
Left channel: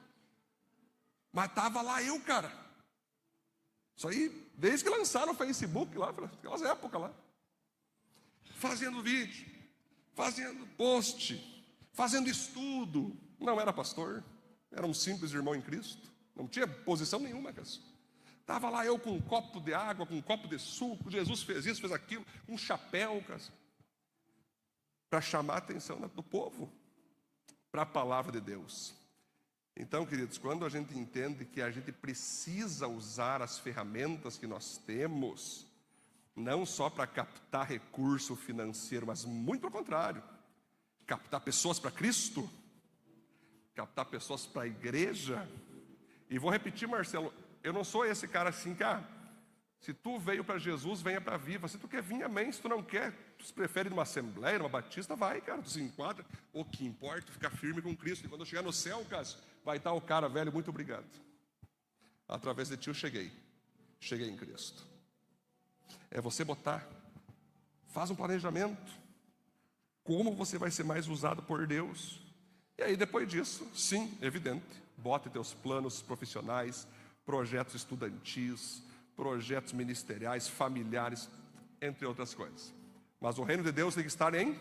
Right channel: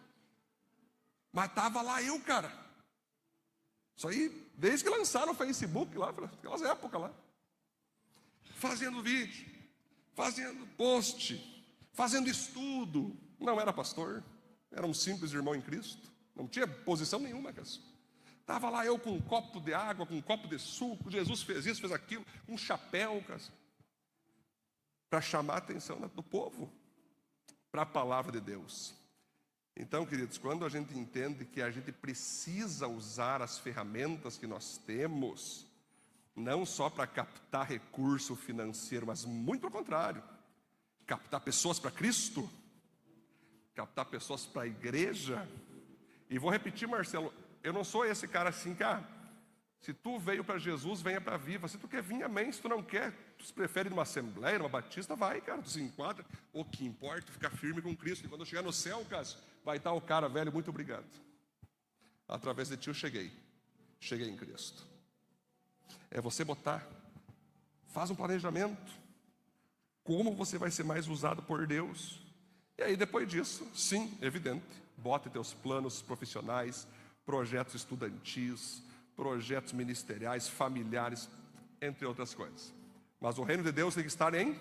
Mas estava lá eu, cara. Isso aí, desde que lançaram o Facebook lá, aquelas épocas lá. Fazendo vídeo, fazendo post, fazendo estudo. Não era pastor, era um simples irmão em Cristo. Não tinha posição nenhuma, cara. Estava lá eu com um copo de água, com um copo de suco. Jesus fez isso, fez aquilo, um chapéu, cara, para chamar a atenção do povo para a palavra de Deus. Então, queridos, quando a gente entende que a gente precisa usar as ferramentas que nós temos, não só para captar recurso financeiro, mas muito ao contrário, captar pessoas para Cristo, captar pessoas para a igreja. E vou repetir, Marcelo, eu não sou esse cara assim que, se tu veio para Jesus, venha para a Viva. Se tu quer vir, amém. Se tu não quer, tu prefere numa assembleia, numa batista, vai, cara, tu se enquadra. O que importa é ficar firme com Cristo. E quando eu chegar no céu, Cássio, vai estar o cara velho, muito obrigado. Através de ti eu cheguei em Cristo. É você botar, faz um planejamento, como você vai ser mais usado por Deus. E aí depois disso, sim, evidente, bote teus planos profissionais, projetos estudantis, projetos ministeriais, familiares, entre outras coisas. Mas o reino de Deus tem que estar em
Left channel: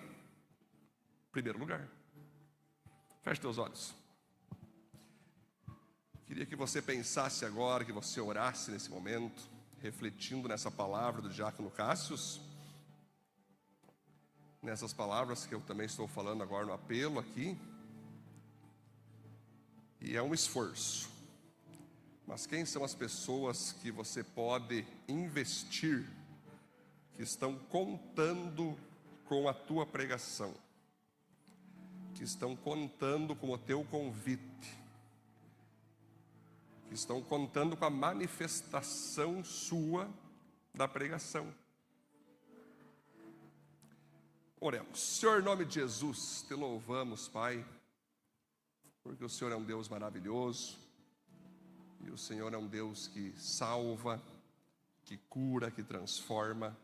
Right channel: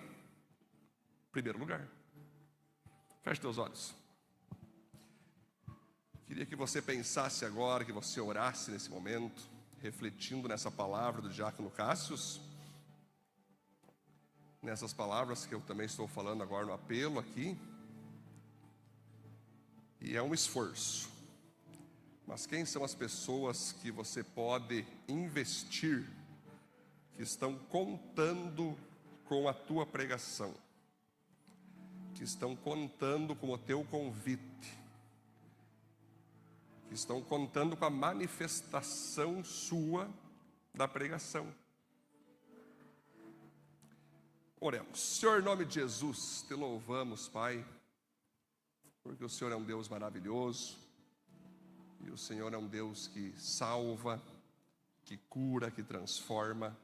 primeiro lugar. Feche teus olhos. Queria que você pensasse agora, que você orasse nesse momento, refletindo nessa palavra do diácono Cássius, nessas palavras que eu também estou falando agora no apelo aqui. E é um esforço. Mas quem são as pessoas que você pode investir, que estão contando com a tua pregação, que estão contando com o teu convite, que estão contando com a manifestação sua da pregação? Oremos. Senhor, em nome de Jesus, te louvamos, Pai, porque o Senhor é um Deus maravilhoso. E o Senhor é um Deus que salva, que cura, que transforma.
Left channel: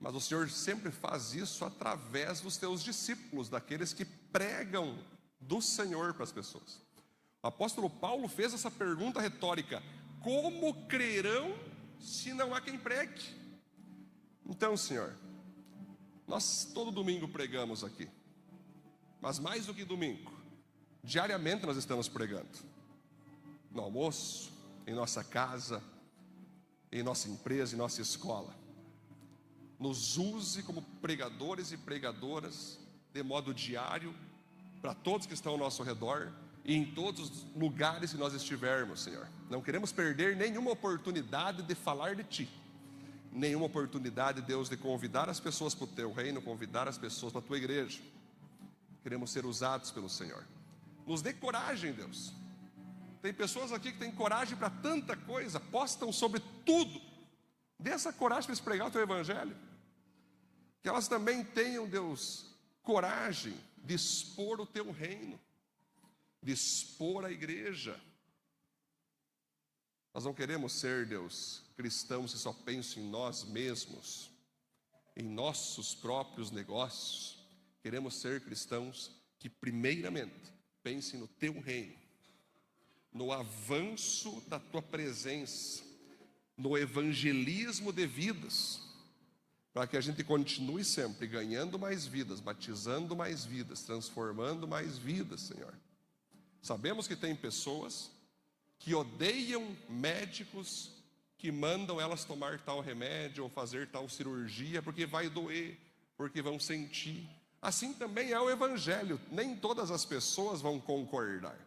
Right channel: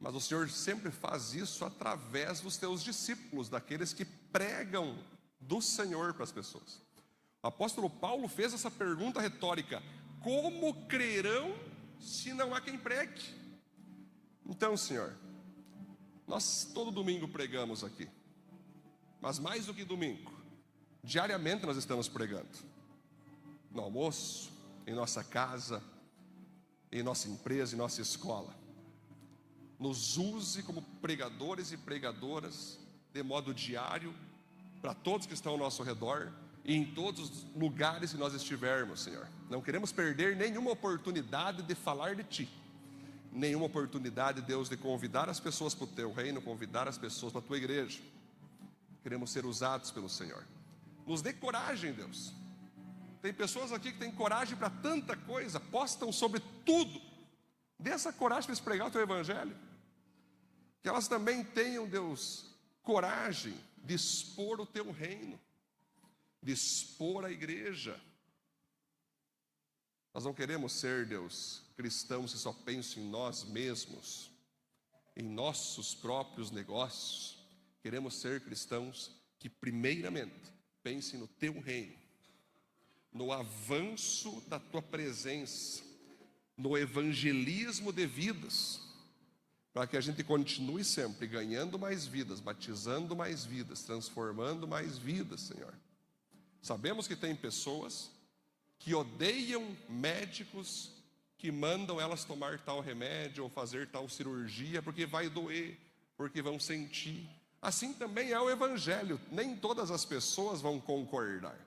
Mas o Senhor sempre faz isso através dos teus discípulos, daqueles que pregam do Senhor para as pessoas. O apóstolo Paulo fez essa pergunta retórica: como crerão se não há quem pregue? Então, Senhor, nós todo domingo pregamos aqui. Mas mais do que domingo, diariamente nós estamos pregando. No almoço, em nossa casa, em nossa empresa, em nossa escola. Nos use como pregadores e pregadoras de modo diário para todos que estão ao nosso redor e em todos os lugares que nós estivermos, Senhor. Não queremos perder nenhuma oportunidade de falar de Ti, nenhuma oportunidade, Deus, de convidar as pessoas para o Teu reino, convidar as pessoas para a Tua igreja. Queremos ser usados pelo Senhor. Nos dê coragem, Deus. Tem pessoas aqui que têm coragem para tanta coisa, postam sobre tudo. Dê essa coragem para eles pregar o Teu Evangelho. Que elas também tenham, Deus, coragem de expor o Teu reino, de expor a igreja. Nós não queremos ser, Deus, cristãos que só pensam em nós mesmos, em nossos próprios negócios. Queremos ser cristãos que primeiramente pensem no Teu reino, no avanço da Tua presença, no evangelismo de vidas, para que a gente continue sempre ganhando mais vidas, batizando mais vidas, transformando mais vidas, Senhor. Sabemos que tem pessoas que odeiam médicos que mandam elas tomar tal remédio ou fazer tal cirurgia porque vai doer, porque vão sentir. Assim também é o Evangelho. Nem todas as pessoas vão concordar.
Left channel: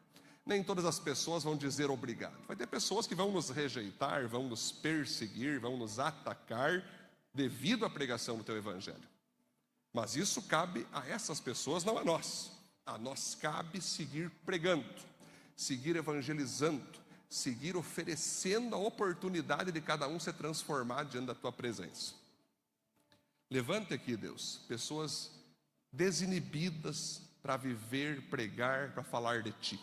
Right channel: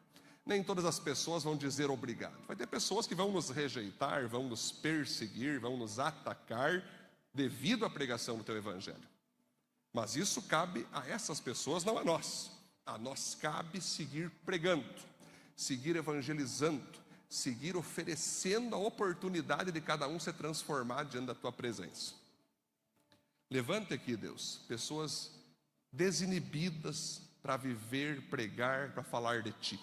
Nem todas as pessoas vão dizer obrigado. Vai ter pessoas que vão nos rejeitar, vão nos perseguir, vão nos atacar devido à pregação do Teu Evangelho. Mas isso cabe a essas pessoas, não a nós. A nós cabe seguir pregando, seguir evangelizando, seguir oferecendo a oportunidade de cada um ser transformado diante da Tua presença. Levante aqui, Deus, pessoas desinibidas para viver, pregar, para falar de Ti.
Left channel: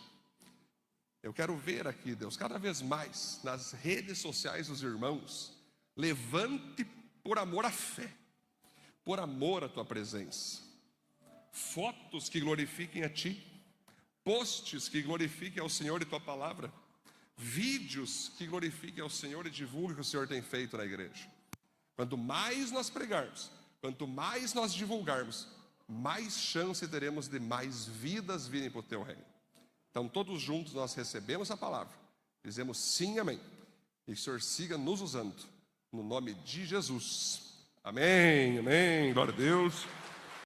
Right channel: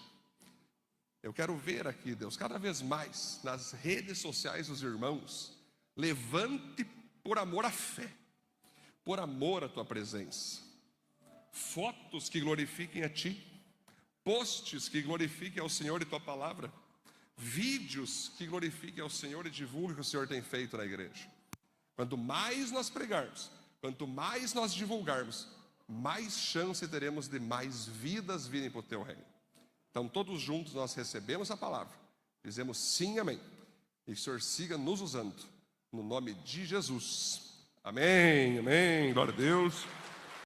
Eu quero ver aqui, Deus, cada vez mais nas redes sociais dos irmãos, levante por amor à fé, por amor à tua presença, fotos que glorifiquem a ti, posts que glorifiquem ao Senhor e tua palavra, vídeos que glorifiquem ao Senhor e divulguem o que o Senhor tem feito na igreja. Quanto mais nós pregarmos, quanto mais nós divulgarmos, mais chance teremos de mais vidas virem para o teu reino. Então todos juntos nós recebemos a palavra, dizemos sim, amém, e o Senhor siga nos usando, no nome de Jesus, amém, amém, glória a Deus.